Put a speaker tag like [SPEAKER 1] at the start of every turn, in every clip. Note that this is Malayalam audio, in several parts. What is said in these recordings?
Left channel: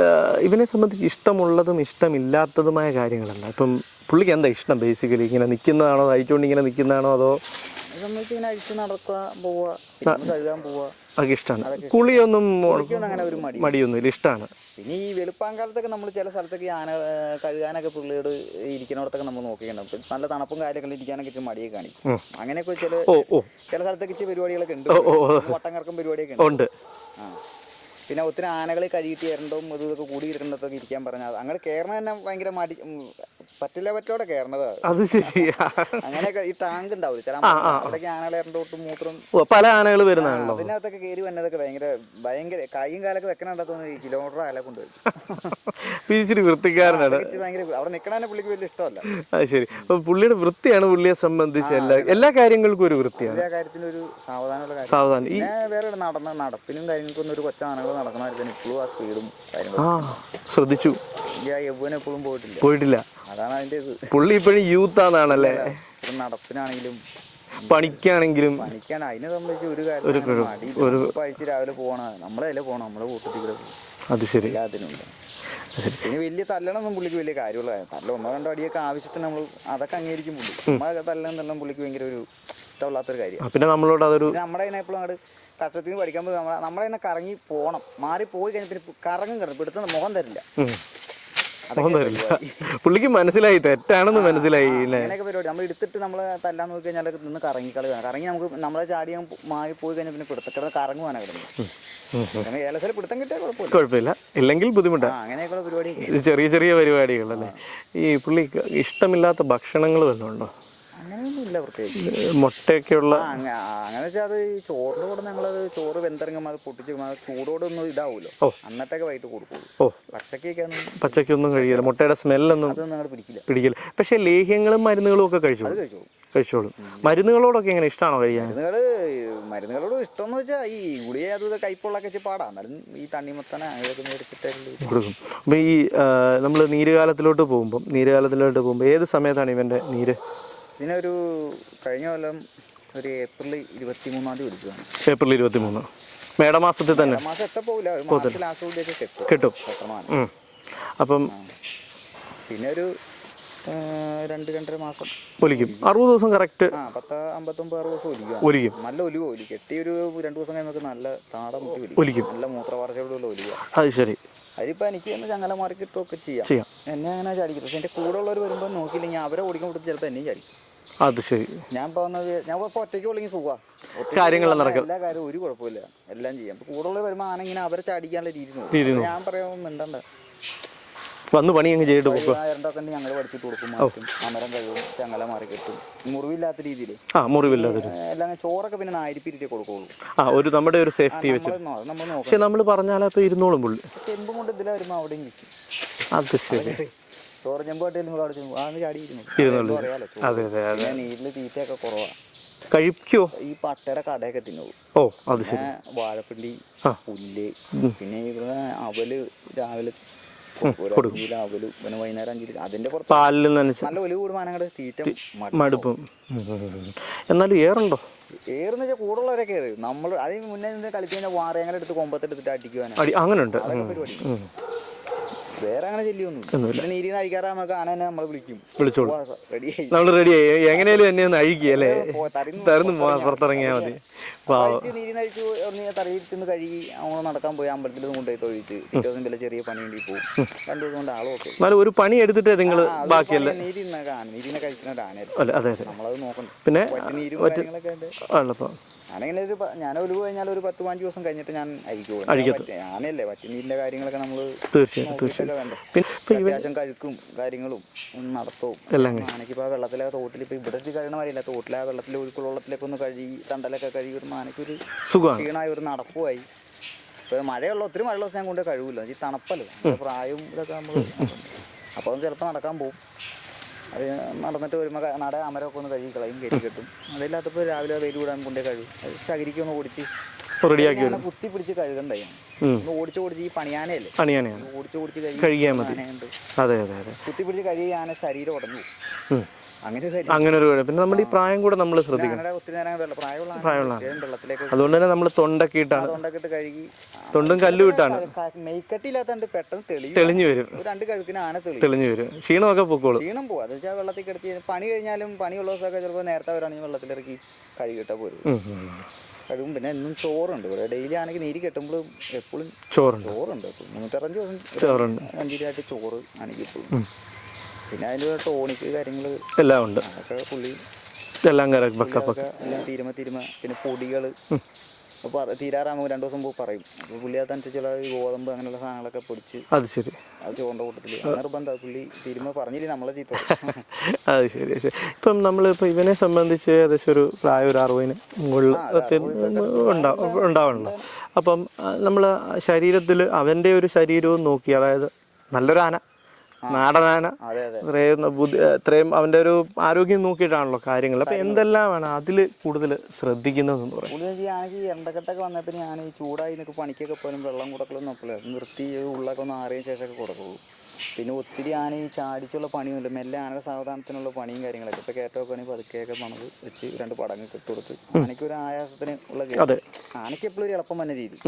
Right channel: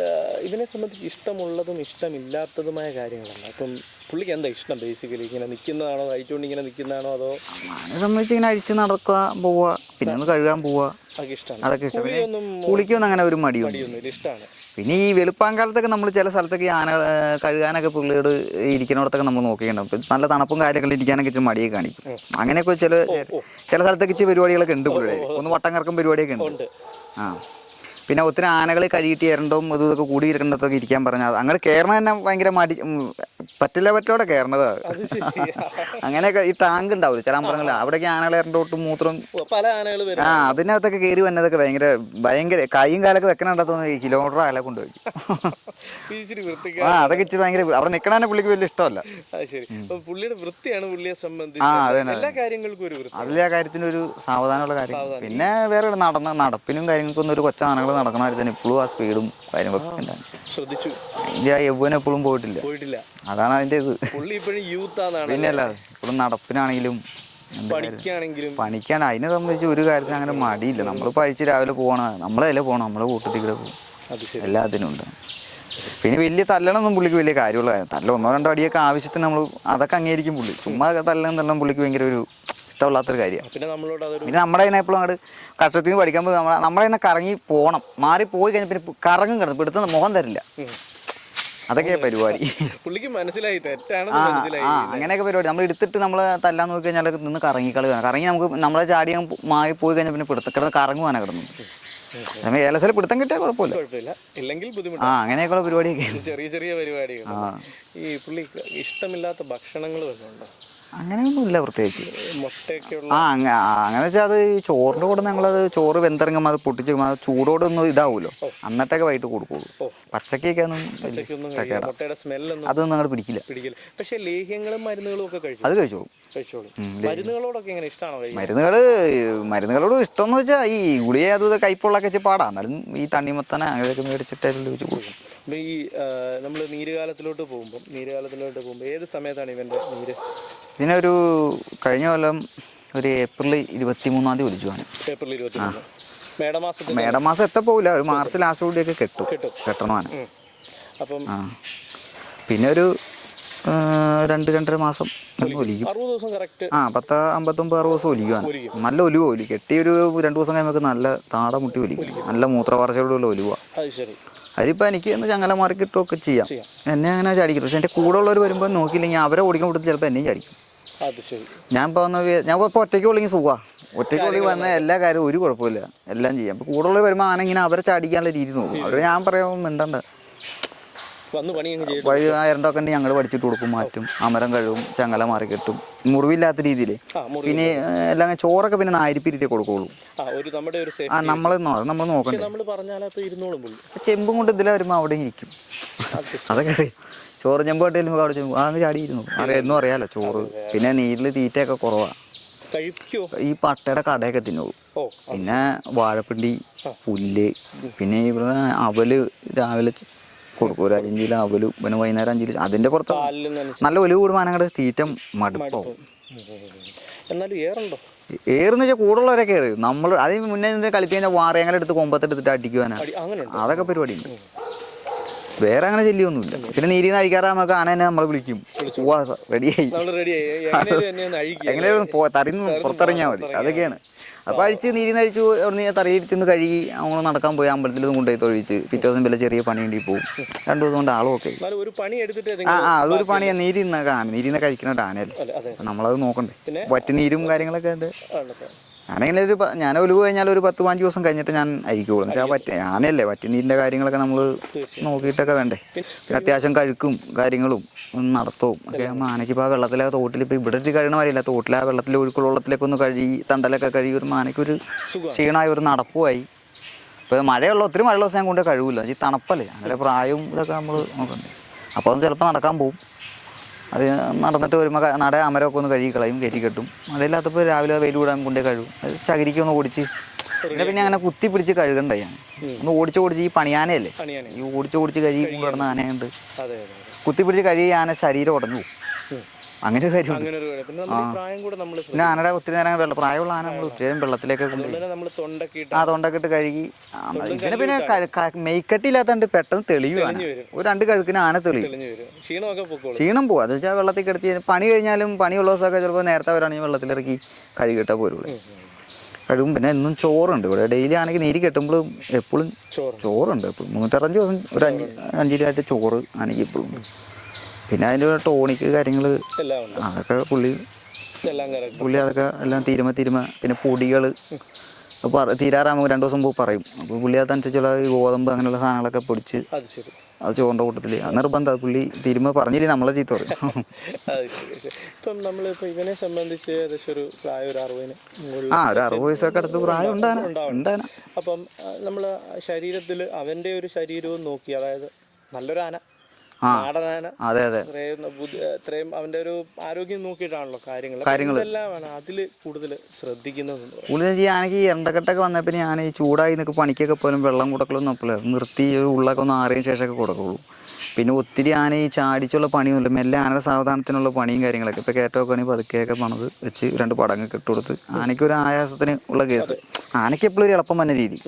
[SPEAKER 1] ആഹ് ഇവനെ സംബന്ധിച്ച് ഇഷ്ടമുള്ളതും ഇഷ്ടമില്ലാത്തതുമായ കാര്യങ്ങളല്ല ഇപ്പം പുള്ളിക്ക് എന്താ ഇഷ്ടം ബേസിക്കലി ഇങ്ങനെ നിൽക്കുന്നതാണോ അഴിച്ചുകൊണ്ട് ഇങ്ങനെ നിൽക്കുന്നതാണോ അതോ
[SPEAKER 2] സംബന്ധിച്ച് ഇങ്ങനെ അഴിച്ച് നടക്കുക പോവുക പിന്നെ കഴുകാൻ പോവുക.
[SPEAKER 1] അതൊക്കെ ഇഷ്ടമാണ് കുളിയൊന്നും
[SPEAKER 2] കുളിക്കൊന്നും അങ്ങനെ ഒരു മടി
[SPEAKER 1] മടിയൊന്നും ഇഷ്ടമാണ്
[SPEAKER 2] പിന്നെ ഈ വെളുപ്പാങ്കാലത്തൊക്കെ നമ്മൾ ചില സ്ഥലത്തൊക്കെ ആന കഴുകാനൊക്കെ പുള്ളിയോട് ഇരിക്കുന്നിടത്തൊക്കെ നമ്മൾ നോക്കിയിട്ടുണ്ടാവും നല്ല തണുപ്പും കാര്യങ്ങളും ഇരിക്കാനൊക്കെ ഇച്ചിരി മടിയൊക്കെ കാണിക്കും. അങ്ങനെയൊക്കെ ചില ചില സ്ഥലത്തൊക്കെ ഇച്ചിരി പരിപാടികളൊക്കെ ഉണ്ട് ഒന്ന് വട്ടം കറക്കും പരിപാടിയൊക്കെ ഉണ്ട്. ആ. പിന്നെ ഒത്തിരി ആനകളെ കഴുകിയിട്ട് ഇരണ്ടും ഇത് ഇതൊക്കെ കൂടി ഇരിക്കേണ്ടതൊക്കെ ഇരിക്കാൻ പറഞ്ഞാൽ അങ്ങനെ കയറണ തന്നെ ഭയങ്കര മടി പറ്റില്ല പറ്റോടെ കയറണത്.
[SPEAKER 1] അത് ശരി.
[SPEAKER 2] അങ്ങനെയൊക്കെ ഈ ടാങ്ക് ഉണ്ടാവില്ല ചില അമ്പലങ്ങളിൽ അവിടേക്ക് ആനകൾ ഇരണ്ടോട്ടും മൂത്രം
[SPEAKER 1] പല ആനകൾ വരും
[SPEAKER 2] അതിനകത്തൊക്കെ കയറി വന്നതൊക്കെ ഭയങ്കര ഭയങ്കര കൈയും കാലൊക്കെ വെക്കണുണ്ടോന്ന് കിലോമീറ്റർ ആല കൊണ്ട്
[SPEAKER 1] ഇച്ചിരി വൃത്തിക്കാരൻ
[SPEAKER 2] അതൊക്കെ ഇച്ചിരി ഭയങ്കര അവിടെ നിൽക്കണേ പുള്ളിക്ക് വലിയ ഇഷ്ടമല്ല.
[SPEAKER 1] ശരി. അപ്പൊ പുള്ളിയുടെ വൃത്തിയാണ് പുള്ളിയെ സംബന്ധിച്ച് എല്ലാ- കാര്യങ്ങൾക്കും ഒരു വൃത്തി
[SPEAKER 2] എല്ലാ കാര്യത്തിനും ഒരു സാവധാനമുള്ള കാര്യം. പിന്നെ വേറെ നടന്ന നടപ്പിനും കാര്യങ്ങൾക്കൊന്നും ഒരു കൊച്ചാനകൾ നടക്കണമായിരുന്നു ഇപ്പോഴും ആ സ്പീഡും കാര്യങ്ങളൊക്കെ
[SPEAKER 1] ശ്രദ്ധിച്ചു.
[SPEAKER 2] ഞാൻ ആ യൗവനം പോയിട്ടില്ല.
[SPEAKER 1] പോയിട്ടില്ല.
[SPEAKER 2] അതാണ് അതിന്റെ ഇത്.
[SPEAKER 1] പുള്ളി ഇപ്പോഴും യൂത്ത് ആണെന്നല്ലേ
[SPEAKER 2] നടപ്പിനാണെങ്കിലും
[SPEAKER 1] പണിക്കാണെങ്കിലും.
[SPEAKER 2] പണിക്കാണ്. അതിനെ സംബന്ധിച്ച് ഒരു കാര്യത്തിൽ അങ്ങനെ മടിയില്ല. ഒരു പഴിച്ച് രാവിലെ പോകണ നമ്മളതിലെ പോകണം നമ്മളെ കൂട്ടത്തിൽ കൂടെ പോകും
[SPEAKER 1] അത് ശരി.
[SPEAKER 2] എല്ലാത്തിനും ഉണ്ട് പിന്നെ വലിയ തല്ലണമൊന്നും പുള്ളിക്ക് വലിയ കാര്യമുള്ള കാര്യം തല്ല ഒന്നോ രണ്ടോ അടിയൊക്കെ ആവശ്യത്തിന് നമ്മൾ അതൊക്കെ അംഗീകരിക്കും പുള്ളി. ചുമ്മാ തല്ലണം തല്ലണം പുള്ളിക്ക് ഭയങ്കര ഒരു ഇഷ്ടമില്ലാത്തൊരു കാര്യം
[SPEAKER 1] പിന്നെ നമ്മളോട് അതൊരു
[SPEAKER 2] നമ്മുടെ അതിനെ എപ്പോഴും അങ്ങോട്ട് കഷ്ടത്തിൽ നിന്ന് പഠിക്കാൻ പോകുമ്പോൾ നമ്മളെ നമ്മളെ കറങ്ങി പോകണം മാറി പോയി കഴിഞ്ഞാൽ പിന്നെ കറങ്ങും കിടന്നു. എടുത്ത മുഖം തരില്ല. അതൊക്കെ പരിപാടി.
[SPEAKER 1] പുള്ളിക്ക് മനസ്സിലായി തെറ്റാണെന്ന് മനസ്സിലായി
[SPEAKER 2] അങ്ങനെയൊക്കെ പരിപാടി. നമ്മൾ എടുത്തിട്ട് നമ്മൾ തല്ലാൻ നോക്കി കഴിഞ്ഞാൽ നിന്ന് കറങ്ങി കളി കറങ്ങി നമുക്ക് നമ്മളെ ചാടി മായി പോയി കഴിഞ്ഞാൽ പിന്നെ പിടുത്തം കിടന്ന് കറങ്ങുവാനാ കിടന്നു. ഏലസിൽ പിടുത്തം കിട്ടിയാൽ കുഴപ്പമില്ല.
[SPEAKER 1] കുഴപ്പമില്ല. ഇല്ലെങ്കിൽ ബുദ്ധിമുട്ടാണ്
[SPEAKER 2] അങ്ങനെയൊക്കെയുള്ള പരിപാടിയൊക്കെ.
[SPEAKER 1] ചെറിയ ചെറിയ പരിപാടികൾ ഈ പുള്ളി ഇഷ്ടമില്ലാത്ത ഭക്ഷണങ്ങൾ വല്ലതും ഉണ്ടോ?
[SPEAKER 2] അങ്ങനെയൊന്നും ഇല്ല പ്രത്യേകിച്ച്
[SPEAKER 1] മുട്ടയൊക്കെയുള്ള
[SPEAKER 2] ആ അങ്ങനെ വെച്ചാൽ അത് ഈ ചോറിന്റെ കൂടെ ഞങ്ങളത് ചോറ് വെന്തിറങ്ങുമ്പോൾ അത് പൊട്ടിച്ച് അത് ചൂടോടൊന്നും ഇതാവുമല്ലോ അന്നിട്ടൊക്കെ വൈകിട്ട് കൊടുക്കുള്ളൂ.
[SPEAKER 1] ഓ.
[SPEAKER 2] പച്ചക്കൊക്കെ ഒന്നും
[SPEAKER 1] പച്ചക്കൊന്നും കഴിക്കില്ല. മുട്ടയുടെ സ്മെല്ലൊന്നും
[SPEAKER 2] അതൊന്നും അങ്ങോട്ട് പിടിക്കില്ല.
[SPEAKER 1] പിടിക്കില്ല. പക്ഷേ ലേഹ്യങ്ങളും മരുന്നുകളും ഒക്കെ കഴിച്ചു?
[SPEAKER 2] അത് കഴിച്ചോളൂ.
[SPEAKER 1] കഴിച്ചോളൂ. മരുന്നുകളോടൊക്കെ എങ്ങനെ? ഇഷ്ടമാണോ കഴിക്കാൻ?
[SPEAKER 2] മരുന്നുകൾ മരുന്നുകളോട് ഇഷ്ടം എന്ന് വെച്ചാൽ ഈ ഗുളിക അത് കൈപ്പുള്ളൊക്കെ വെച്ച് പാടാം. എന്നാലും ഈ തണ്ണിമത്തനെ അങ്ങനെയൊക്കെ മേടിച്ചിട്ടായാലും വെച്ച് കൊടുക്കും.
[SPEAKER 1] അപ്പൊ ഈ നമ്മൾ നീരുകാലത്തിലോട്ട് പോകുമ്പോൾ നീരുകാലത്തിലോട്ട് പോകുമ്പോൾ ഏത് സമയത്താണ് ഇവന്റെ നീര്?
[SPEAKER 2] ഇതിനൊരു കഴിഞ്ഞ കൊല്ലം ഒരു ഏപ്രിൽ ഇരുപത്തി മൂന്നാം തീയതി വിളിച്ചു
[SPEAKER 1] ഏപ്രിൽ ഇരുപത്തി മൂന്ന് മേടമാസത്തിൽ തന്നെ?
[SPEAKER 2] മേടമാസം എത്ത പോകില്ല ഒരു മാർച്ച് ലാസ്റ്റ് കൂടിയൊക്കെ കെട്ടും.
[SPEAKER 1] കെട്ടും.
[SPEAKER 2] കെട്ടണമാണ്
[SPEAKER 1] അപ്പം
[SPEAKER 2] പിന്നെ ഒരു രണ്ട് രണ്ടര മാസം
[SPEAKER 1] ഒലിക്കും. അറുപത് ദിവസം കറക്റ്റ്
[SPEAKER 2] ആ പത്ത് അമ്പത്തൊമ്പത് അറുപത് ദിവസം ഒലിക്കുക
[SPEAKER 1] ഒലിക്കും.
[SPEAKER 2] നല്ല ഒലിവ് ഒലി. കെട്ടി ഒരു രണ്ടു ദിവസം കഴിയുമ്പോൾ നല്ല താട മുട്ടി ഒലിക്കും. നല്ല മൂത്രവാർച്ചയോടുള്ള ഒലിവ.
[SPEAKER 1] അത് ശരി.
[SPEAKER 2] അതിപ്പോ എനിക്ക് എന്ന് ചങ്ങല മാറി കിട്ടുമൊക്കെ ചെയ്യാം.
[SPEAKER 1] ചെയ്യാം.
[SPEAKER 2] എന്നെ അങ്ങനെ ചാടിക്കും. പക്ഷെ എന്റെ കൂടെ ഉള്ളവർ വരുമ്പോൾ നോക്കിയില്ലെങ്കിൽ അവരെ ഓടിക്കാൻ കൊടുത്ത് ചിലപ്പോൾ എന്നെയും ചാടിക്കും.
[SPEAKER 1] അത് ശരി.
[SPEAKER 2] ഞാൻ ഇപ്പോൾ ഒന്ന് ഞാൻ ഇപ്പോൾ ഒറ്റയ്ക്ക് ഉള്ളെങ്കിൽ സുഖമാണ് ഒറ്റയ്ക്ക് വന്നാൽ എല്ലാ കാര്യവും ഒരു കുഴപ്പമില്ല. എല്ലാം ചെയ്യാം. കൂടുതൽ വരുമ്പോൾ ആന ഇങ്ങനെ അവരെ ചാടിക്കാനുള്ള രീതി നോക്കും. ഞാൻ പറയാൻ മിണ്ടണ്ട.
[SPEAKER 1] വന്ന് പണി അങ്ങ്
[SPEAKER 2] ചെയ്തു ആയിരം ഉണ്ടെങ്കിൽ ഞങ്ങൾ പഠിച്ചിട്ട് കൊടുക്കും മാറ്റും. അമരം കഴിവും ചങ്ങല മാറി കെട്ടും. മുറിവില്ലാത്ത രീതിയിൽ എല്ലാം ചോറൊക്കെ പിന്നെ നായിരിപ്പിരിട്ടേ കൊടുക്കുള്ളൂ.
[SPEAKER 1] ആ ഒരു നമ്മുടെ ഒരു സേഫ്റ്റി
[SPEAKER 2] നമ്മൾ നമ്മൾ നോക്കാം
[SPEAKER 1] നമ്മൾ പറഞ്ഞാലും ഇരുന്നോളും
[SPEAKER 2] ചെമ്പും കൊണ്ട് ഇതിലെ വരുമ്പോൾ അവിടെ ഇരിക്കും. അതൊക്കെ. ചോറ് ചെമ്പ് കട്ടിയിൽ അവിടെ ചെമ്പ് അങ്ങ് ചാടിയിരുന്നു. എന്നും അറിയാലോ ചോറ്. പിന്നെ നീരിൽ തീറ്റയൊക്കെ കുറവാ.
[SPEAKER 1] കഴിക്കോ?
[SPEAKER 2] ഈ പട്ടയുടെ കടയൊക്കെ തിന്നുള്ളൂ
[SPEAKER 1] ഓ
[SPEAKER 2] പിന്നെ വാഴപ്പിണ്ടി പുല്ല് പിന്നെ ഇവിടെ അവൽ രാവിലെ അഞ്ചിൽ അവൽ പിന്നെ വൈകുന്നേരം അഞ്ചിൽ അതിന്റെ പുറത്ത് നല്ല ഒലിവ് കൂടുമ്പോൾ അങ്ങോട്ട് തീറ്റ
[SPEAKER 1] മടുപ്പും. എന്നാലും ഏറുണ്ടോ?
[SPEAKER 2] ഏറുന്ന വെച്ചാൽ കൂടുള്ളവരൊക്കെ ഏറി. നമ്മൾ അതിന് മുന്നേ നിന്ന് വാറയങ്ങളെടുത്ത് കൊമ്പത്തെടുത്തിട്ട് അടിക്കുവാനാണ്
[SPEAKER 1] അടി അങ്ങനെ ഉണ്ട്
[SPEAKER 2] അതൊക്കെ പരിപാടി വേറെ അങ്ങനെ ശല്യമൊന്നുമില്ല പിന്നെ നീരി കഴിക്കാറ് നമുക്ക് ആന തന്നെ നമ്മൾ വിളിക്കും. റെഡിയായി അപ്പൊ അഴിച്ച് നീരി കഴിച്ചു തറയിരിക്കുന്ന കഴുകി അങ്ങനെ നടക്കാൻ പോയി അമ്പലത്തിൽ കൊണ്ടുപോയി തൊഴിച്ച്. പിറ്റേ ദിവസം വല്ല ചെറിയ പണി വേണ്ടി പോകും രണ്ടു ദിവസം കൊണ്ട് ആളും ഒക്കെ.
[SPEAKER 1] ഒരു പണി എടുത്തിട്ട്
[SPEAKER 2] പണി നീരി പണിയാ. നീരി കഴിക്കുന്ന ആനയല്ലേ. നമ്മളത് നോക്കണ്ടേ.
[SPEAKER 1] പിന്നെ
[SPEAKER 2] വറ്റി നീരും കാര്യങ്ങളൊക്കെ ഉണ്ട് ഞാനെങ്കിലും ഒരു ഞാൻ ഒലിവ് കഴിഞ്ഞാൽ ഒരു പത്ത് പതിനഞ്ച് ദിവസം കഴിഞ്ഞിട്ട് ഞാൻ അരിക്കുള്ളൂ. ഞാനല്ലേ വറ്റി കാര്യങ്ങളൊക്കെ നമ്മൾ നോക്കിയിട്ടൊക്കെ വേണ്ടേ? അത്യാവശ്യം കഴുക്കും കാര്യങ്ങളും നടത്തും നടത്തവും. ഇപ്പോൾ ആ വെള്ളത്തിലെ തോട്ടിൽ ഇപ്പൊ ഇവിടെ ഒരു കഴിയണ വരില്ല തോട്ടിലെ ആ വെള്ളത്തിൽ ഒഴുക്കുള്ള വെള്ളത്തിലേക്ക് ഒന്ന് കഴുകി തണ്ടലൊക്കെ കഴുകി ഒരു
[SPEAKER 1] സുഖമാണ്.
[SPEAKER 2] ക്ഷീണമായി ഒരു നടപ്പുമായി. ഇപ്പൊ മഴയുള്ള ഒത്തിരി മഴയുള്ള ദിവസം ഞാൻ കൊണ്ട് കഴിവില്ല ഈ തണുപ്പല്ലേ? പ്രായവും ഇതൊക്കെ നമ്മൾ നോക്കണ്ടേ? അപ്പോൾ അത് ചിലപ്പോൾ നടക്കാൻ പോകും അത് നടന്നിട്ട് വരുമ്പോൾ നട അമരമൊക്കെ ഒന്ന് കഴുകി കളയും കയറ്റി കെട്ടും. അതില്ലാത്തപ്പോൾ രാവിലെ വെയിൽ കൂടാൻ കൊണ്ടേ കഴുകും. അത് ചകിരിക്കൊന്ന് ഓടിച്ച് പിന്നെ അങ്ങനെ കുത്തി പിടിച്ച് കഴുകണ്ടായി ഞാൻ. ഒന്ന് ഓടിച്ച് ഓടിച്ച് ഈ പണിയാനയല്ലേ? ഈ ഓടിച്ച് ഓടിച്ച് കഴുകി ആനയുണ്ട്. കുത്തി പിടിച്ച് കഴുകി ആന ശരീരം ഉടഞ്ഞു പോകും. അങ്ങനെ ഒരു കാര്യം.
[SPEAKER 1] അങ്ങനെ ഒരു പിന്നെ നമ്മുടെ ഈ പ്രായം കൂടെ നമ്മൾ
[SPEAKER 2] പിന്നെ ആനയുടെ ഒത്തിരി നേരം വെള്ളം പ്രായമുള്ള ആന നേരം വെള്ളത്തിലേക്ക്
[SPEAKER 1] അതുകൊണ്ട് തന്നെ നമ്മൾ തൊണ്ടൊക്കെ ഇട്ട്
[SPEAKER 2] ആ തൊണ്ടൊക്കെ ഇട്ട് കഴുകി
[SPEAKER 1] തൊണ്ടും കല്ലും
[SPEAKER 2] മെയ്ക്കട്ടില്ലാത്തതുകൊണ്ട് പെട്ടെന്ന് തെളിയും
[SPEAKER 1] തെളിഞ്ഞു വരും.
[SPEAKER 2] ഒരു രണ്ട് കഴുക്കിന് ആന തെളിയും.
[SPEAKER 1] തെളിഞ്ഞു വരും. ക്ഷീണമൊക്കെ പൊക്കോളും.
[SPEAKER 2] ക്ഷീണം പോവാ. അത് വെച്ചാൽ വെള്ളത്തിൽ കിടത്തി പണി കഴിഞ്ഞാലും പണിയുള്ള ദിവസമൊക്കെ ചിലപ്പോൾ നേരത്തെ വരാണെങ്കിൽ വെള്ളത്തിലിറക്കി കഴുകിയിട്ടാ പോരുള്ളൂ
[SPEAKER 1] ഉം.
[SPEAKER 2] കഴുകും. പിന്നെ എന്നും ചോറുണ്ട്. ഇവിടെ ഡെയിലി ആണെങ്കിൽ നീര് കെട്ടുമ്പോഴും എപ്പോഴും
[SPEAKER 1] ചോറുണ്ട്.
[SPEAKER 2] ചോറുണ്ട്. എപ്പോഴും മുന്നൂറ്ററുപഞ്ച് ദിവസം ഒരു അഞ്ച് അഞ്ചിലായിട്ട് ചോറ് ആണെങ്കിൽ എപ്പോഴും പിന്നെ അതിന്റെ ടോണിക്ക് കാര്യങ്ങൾ
[SPEAKER 1] എല്ലാം ഉണ്ട്.
[SPEAKER 2] അതൊക്കെ പുള്ളി
[SPEAKER 1] എല്ലാം
[SPEAKER 2] പുള്ളി അതൊക്കെ എല്ലാം തീരുമ തീരുമ പിന്നെ പൊടികൾ തീരാറാകുമ്പോൾ രണ്ടു ദിവസം മുമ്പ് പറയും. അപ്പോൾ പുള്ളി അതനുസരിച്ചുള്ള ഈ ഗോതമ്പ് അങ്ങനെയുള്ള സാധനങ്ങളൊക്കെ പൊടിച്ച്
[SPEAKER 1] അത് ശരി.
[SPEAKER 2] അത് ചോറിന്റെ കൂട്ടത്തിൽ നിർബന്ധം. പുള്ളി തീരുമ പറഞ്ഞില്ലേ നമ്മളെ ചീത്ത
[SPEAKER 1] അത് ശരി ശരി. ഇപ്പം നമ്മളിപ്പോൾ ഇവനെ സംബന്ധിച്ച് ഏകദേശം ഒരു പ്രായ ഒരു അറുപതിന്. ഉണ്ടാവുന്നുണ്ട് അപ്പം നമ്മൾ ശരീരത്തിൽ അവന്റെ ഒരു ശരീരവും നോക്കി അതായത് നല്ലൊരു ആന.
[SPEAKER 2] അതെ
[SPEAKER 1] ഇത്രയും അവന്റെ ഒരു ആരോഗ്യം നോക്കിയിട്ടാണല്ലോ കാര്യങ്ങൾ. കാര്യങ്ങളെല്ലാം എന്തെല്ലാമാണ് അതിൽ കൂടുതൽ ശ്രദ്ധിക്കുന്നത് പറയും.
[SPEAKER 2] പുള്ളി ഈ എണ്ടക്കെട്ടൊക്കെ പിന്നെ ഞാൻ ഈ ചൂടായി നിൽക്കുക പണിക്കൊക്കെ പോലും വെള്ളം കൊടുക്കലൊന്നും അപ്പോൾ നിർത്തി ഒരു ഉള്ളൊക്കെ ഒന്ന് ആറിയ ശേഷമൊക്കെ കൊടുക്കുള്ളൂ. പിന്നെ ഒത്തിരി ആന ഈ ചാടിച്ചുള്ള പണിയൊന്നുമില്ല. മെല്ലെ ആനയുടെ സാവധാനത്തിനുള്ള പണിയും കാര്യങ്ങളൊക്കെ. ഇപ്പൊ കയറ്റമൊക്കെ ആണെങ്കിൽ പതുക്കെയൊക്കെ പണത് വെച്ച് രണ്ട് പടങ്ങൊക്കെ ഇട്ട് കൊടുത്ത്. ആനയ്ക്ക് ഒരു ആയാസത്തിന് ഉള്ള കേസ്. ആനയ്ക്ക് എപ്പോഴും ഒരു എളുപ്പം വന്ന രീതി.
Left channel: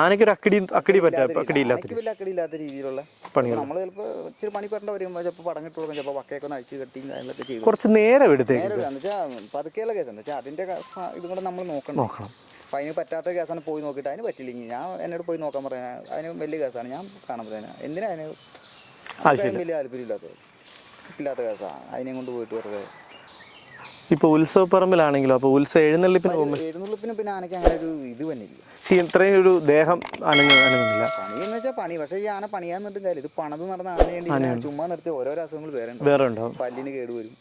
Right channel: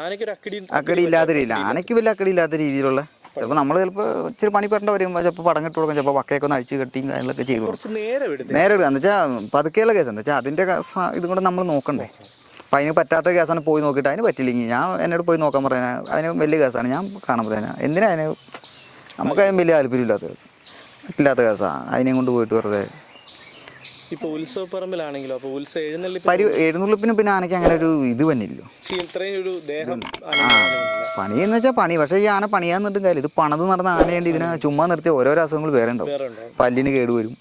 [SPEAKER 1] ആനയ്ക്ക് ഒരു അക്കടി
[SPEAKER 2] അക്കടി ഇല്ലാത്ത രീതി. ആനയ്ക്ക് വലിയ അക്കടി ഇല്ലാത്ത രീതിയിലുള്ള ചിലപ്പോൾ നമ്മൾ ചിലപ്പോൾ ഇച്ചിരി പണിപ്പെട്ട വരുമ്പോൾ ചിലപ്പോൾ പടം പടങ്ങിട്ട് കൊടുക്കും ചിലപ്പോൾ വക്കയൊക്കെ ഒന്ന് അഴിച്ച് കെട്ടിയും കാര്യങ്ങളൊക്കെ ചെയ്യും.
[SPEAKER 1] കുറച്ച് നേരം എടുത്ത്
[SPEAKER 2] നേരെ എടുക്കുക എന്ന് വെച്ചാൽ പതുക്കെയുള്ള കേസ്. എന്താ വെച്ചാൽ അതിന്റെ ഇതും കൂടെ നമ്മൾ നോക്കണം. അപ്പം അതിന് പറ്റാത്ത കേസാണ് പോയി നോക്കിയിട്ട് അതിന് പറ്റില്ലെങ്കിൽ ഞാൻ എന്നോട് പോയി നോക്കാൻ പറയാൻ അതിന് വലിയ കേസാണ്. ഞാൻ കാണാൻ പറയാൻ എന്തിനാ അതിന്? നമുക്ക് അതിന് വലിയ താല്പര്യമില്ലാത്ത കേസ് ഇല്ലാത്ത കേസാണ് അതിനെയും കൊണ്ട് പോയിട്ട് വെറുതെ
[SPEAKER 1] ഇപ്പോൾ ഉത്സവപ്പറമ്പിലാണെങ്കിലോ? അപ്പൊ ഉത്സവ എഴുന്നള്ളിപ്പ്
[SPEAKER 2] എഴുന്നള്ളിപ്പിന് പിന്നെ ആനയ്ക്ക് അങ്ങനെ ഒരു ഇത്
[SPEAKER 1] പക്ഷേ ഇത്രയും ഒരു ദേഹം അനങ്ങുന്നില്ല.
[SPEAKER 2] പണി എന്ന് വെച്ചാൽ പണി. പക്ഷേ ഈ ആന പണിയാൻ നിന്നിട്ടും കാര്യം ഇത് പണത് നടന്ന ആനയുണ്ട് ഇതിനെ ചുമ്മാ നിർത്തിയ ഓരോരോ അസുഖങ്ങൾ വേറെ ഉണ്ടാവും. പല്ലിന് കേടുവരും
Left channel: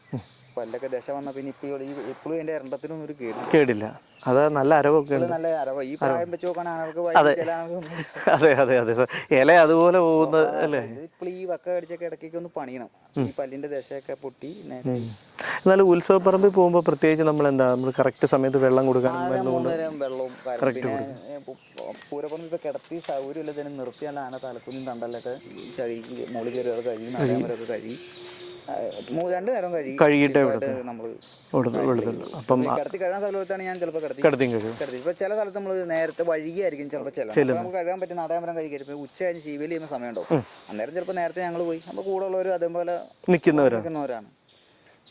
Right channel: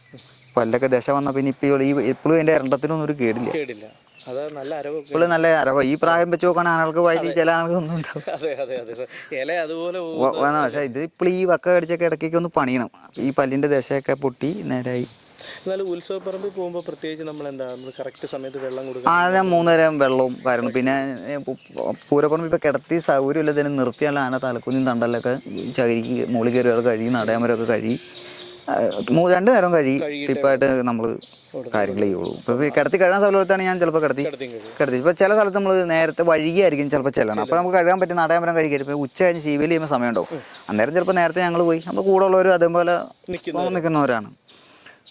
[SPEAKER 2] പല്ലൊക്കെ ദശ വന്ന പിന്നെ ഇപ്പൊ ഈ എപ്പോഴും എന്റെ ഇരണ്ടത്തിനൊന്നും ഒരു കേടില്ല.
[SPEAKER 1] കേടില്ല. അത് നല്ല അരവൊക്കെ
[SPEAKER 2] ഇപ്പോഴും നല്ല അരവ. ഈ പ്രായം വെച്ച് നോക്കാൻ ആനകൾക്ക് ചില
[SPEAKER 1] അതെ അതെ അതെ. ഇല അതുപോലെ പോകുന്ന
[SPEAKER 2] പക്ഷേ ഇത് ഇപ്പോൾ ഈ വക്ക കടിച്ചൊക്കെ ഇടയ്ക്കൊക്കെ ഒന്ന് പണിയണം. ഈ പല്ലിന്റെ ദശയൊക്കെ പൊട്ടി നേരായി.
[SPEAKER 1] എന്നാലും ഉത്സവപ്പറമ്പിൽ പോകുമ്പോൾ പ്രത്യേകിച്ച് നമ്മൾ എന്താ നമ്മൾ കറക്റ്റ് സമയത്ത് വെള്ളം കൊടുക്കുക
[SPEAKER 2] ആന മൂന്നേരം വെള്ളവും കാര്യം പിന്നെ പൂരപ്പറമ്പ് ഇപ്പൊ കിടത്തി സൗകര്യമില്ല തന്നെ നിർത്തിയാൽ ആന തലക്കുഞ്ഞും തണ്ടലൊക്കെ ചകിരിക്ക് മുകളിൽ കയറി കഴുകി നടയമരൊക്കെ കഴുകി. ആ, മൂ- രണ്ടു നേരം കഴുകി കഴിയിട്ട് നമ്മൾ കിടത്തി കഴുകാൻ സ്ഥലത്താണ് ഞാൻ ചിലപ്പോൾ കിടത്തി
[SPEAKER 1] കഴിയും
[SPEAKER 2] കിടത്തി. ഇപ്പൊ ചില സ്ഥലത്ത് നമ്മൾ നേരത്തെ വഴുകിയായിരിക്കും ചിലപ്പോൾ ചില അപ്പൊ നമുക്ക് കഴുകാൻ പറ്റുന്ന നടയമരം കഴുകി ഇപ്പൊ ഉച്ച കഴിഞ്ഞ് ശീവലി ചെയ്യുമ്പോൾ സമയം ഉണ്ടാവും അന്നേരം ചിലപ്പോൾ നേരത്തെ ഞങ്ങൾ പോയി. നമ്മൾ കൂടെ ഉള്ളവരും അതേപോലെ നിൽക്കുന്നവരാണ്.